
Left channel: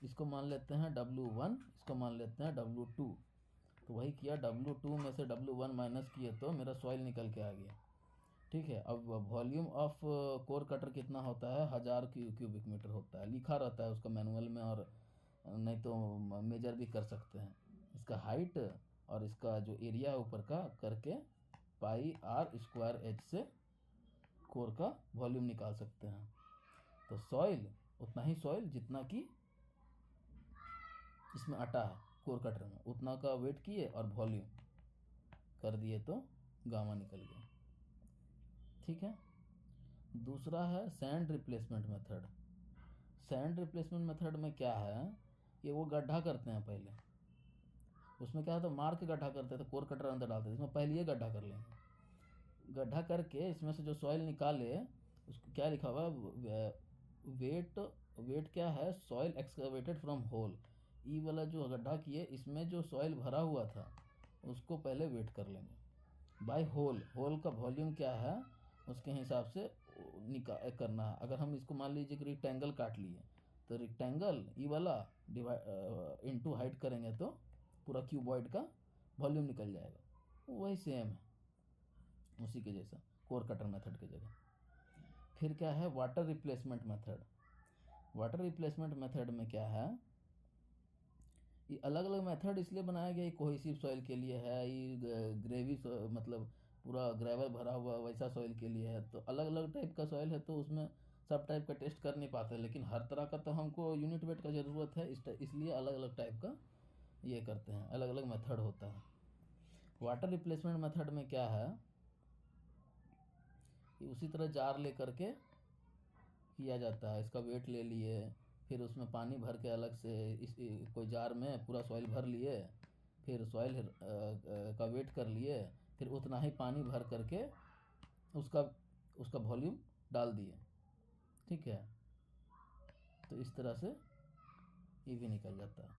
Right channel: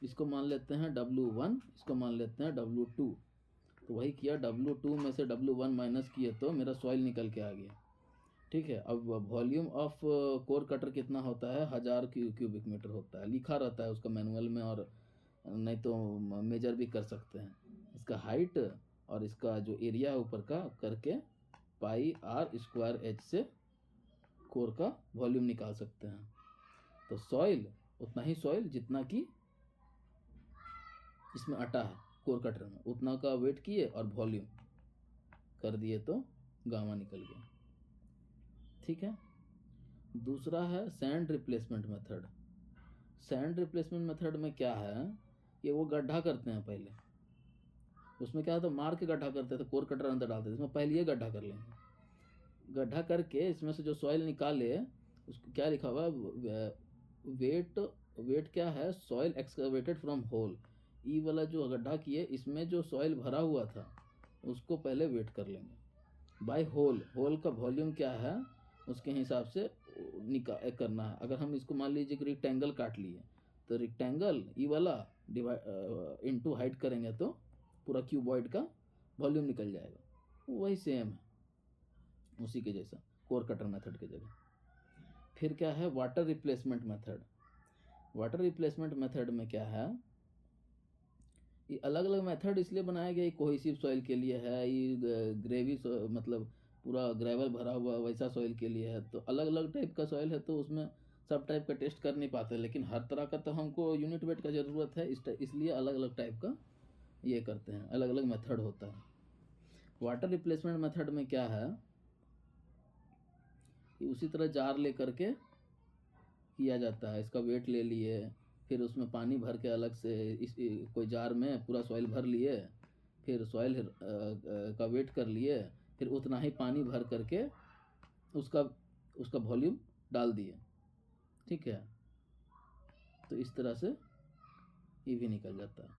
इसको मान लेते हैं W1, इसको मान लेते हैं W2, तो वही किया, W2 में से W1 माइनस किए तो मेरा सॉइल निकल के आ गया, ठीक है। अब वॉल्यूम ऑफ कोर कटर कितना होता है, 1000 क्यूबिक मीटर होता है, लिखा रहता है उसका मैनुअल में, और नहीं तो मेजर भी कर सकते हैं। इसका हाइट और इसका जो एरिया है ऊपर का करके πr² से कोर का वॉल्यूम निकाल सकते हैं। तो सॉइल उतना ही सॉइल जितना कि इसमें अटा है कोर कटर में, उतना का वेट किए और वॉल्यूम कर दिए तो गामा निकल गया, ठीक है। दूसरा है sand replacement method. Sand replacement method में क्या है कि वो गड्ढा करते हैं पहले, उसमें क्या है तो मार के गड्ढा करते थे, कोर कटर अंदर डालते थे, इसमें पहले ये गड्ढा कर लेंगे। गड्ढा करके इसमें से जो सॉइल निकाले उसको क्या लिखा हुआ है, वेट क्या है, सॉइल एक्सकवेटेड फ्रॉम होल। ई वाला जो गड्ढा किए इसमें जो सॉइल भरा हुआ था उसको पहले वेट कर लेंगे बाय होल का वॉल्यूम क्या है उसके हिसाब से करना है। अगर हम इसको मान लीजिए कि रेक्टेंगल काट लिए तो रेक्टेंगल ई वाला इनटू हाइट करेंगे तो पूरा क्यूबॉइड का वॉल्यूम निकल जाएगा। वही सेम है, उसी के जैसा कोर कटर मेथड की जगह। फिर क्या है water replacement method. Water replacement method में क्या है, ये अलग अलग मेथड इसलिए बनाया गया, कोहेसिव सॉइल के लिए है, ये ग्रेवी मतलब पूरा ग्रेवल भरा हुआ वैसा सॉइल के लिए है। तो अलग अलग टाइप का सॉइल है तो उसमें सब टाइप का टेस्ट कर नहीं पाते, लेकिन हर तरह का तो हमको यूनिट वेट का ज़रूरत है, इसलिए अलग अलग टाइप का ये करते हैं, अलग अलग मेथड होता है। वाटर रिप्लेसमेंट मेथड में क्या है कि उसी तरह जार ले करके किया जाता है, इसका वेट ले लिए, फिर उसमें पानी भर के अलग से कोई जार में पूरा सॉइल भर लिए, फिर सॉइल का वेट कर लिए, फिर उतना ही पानी भर करके उसका उसका वॉल्यूम डाल दिए। ठीक है, तो इस तरह से ये भी निकल जाता है।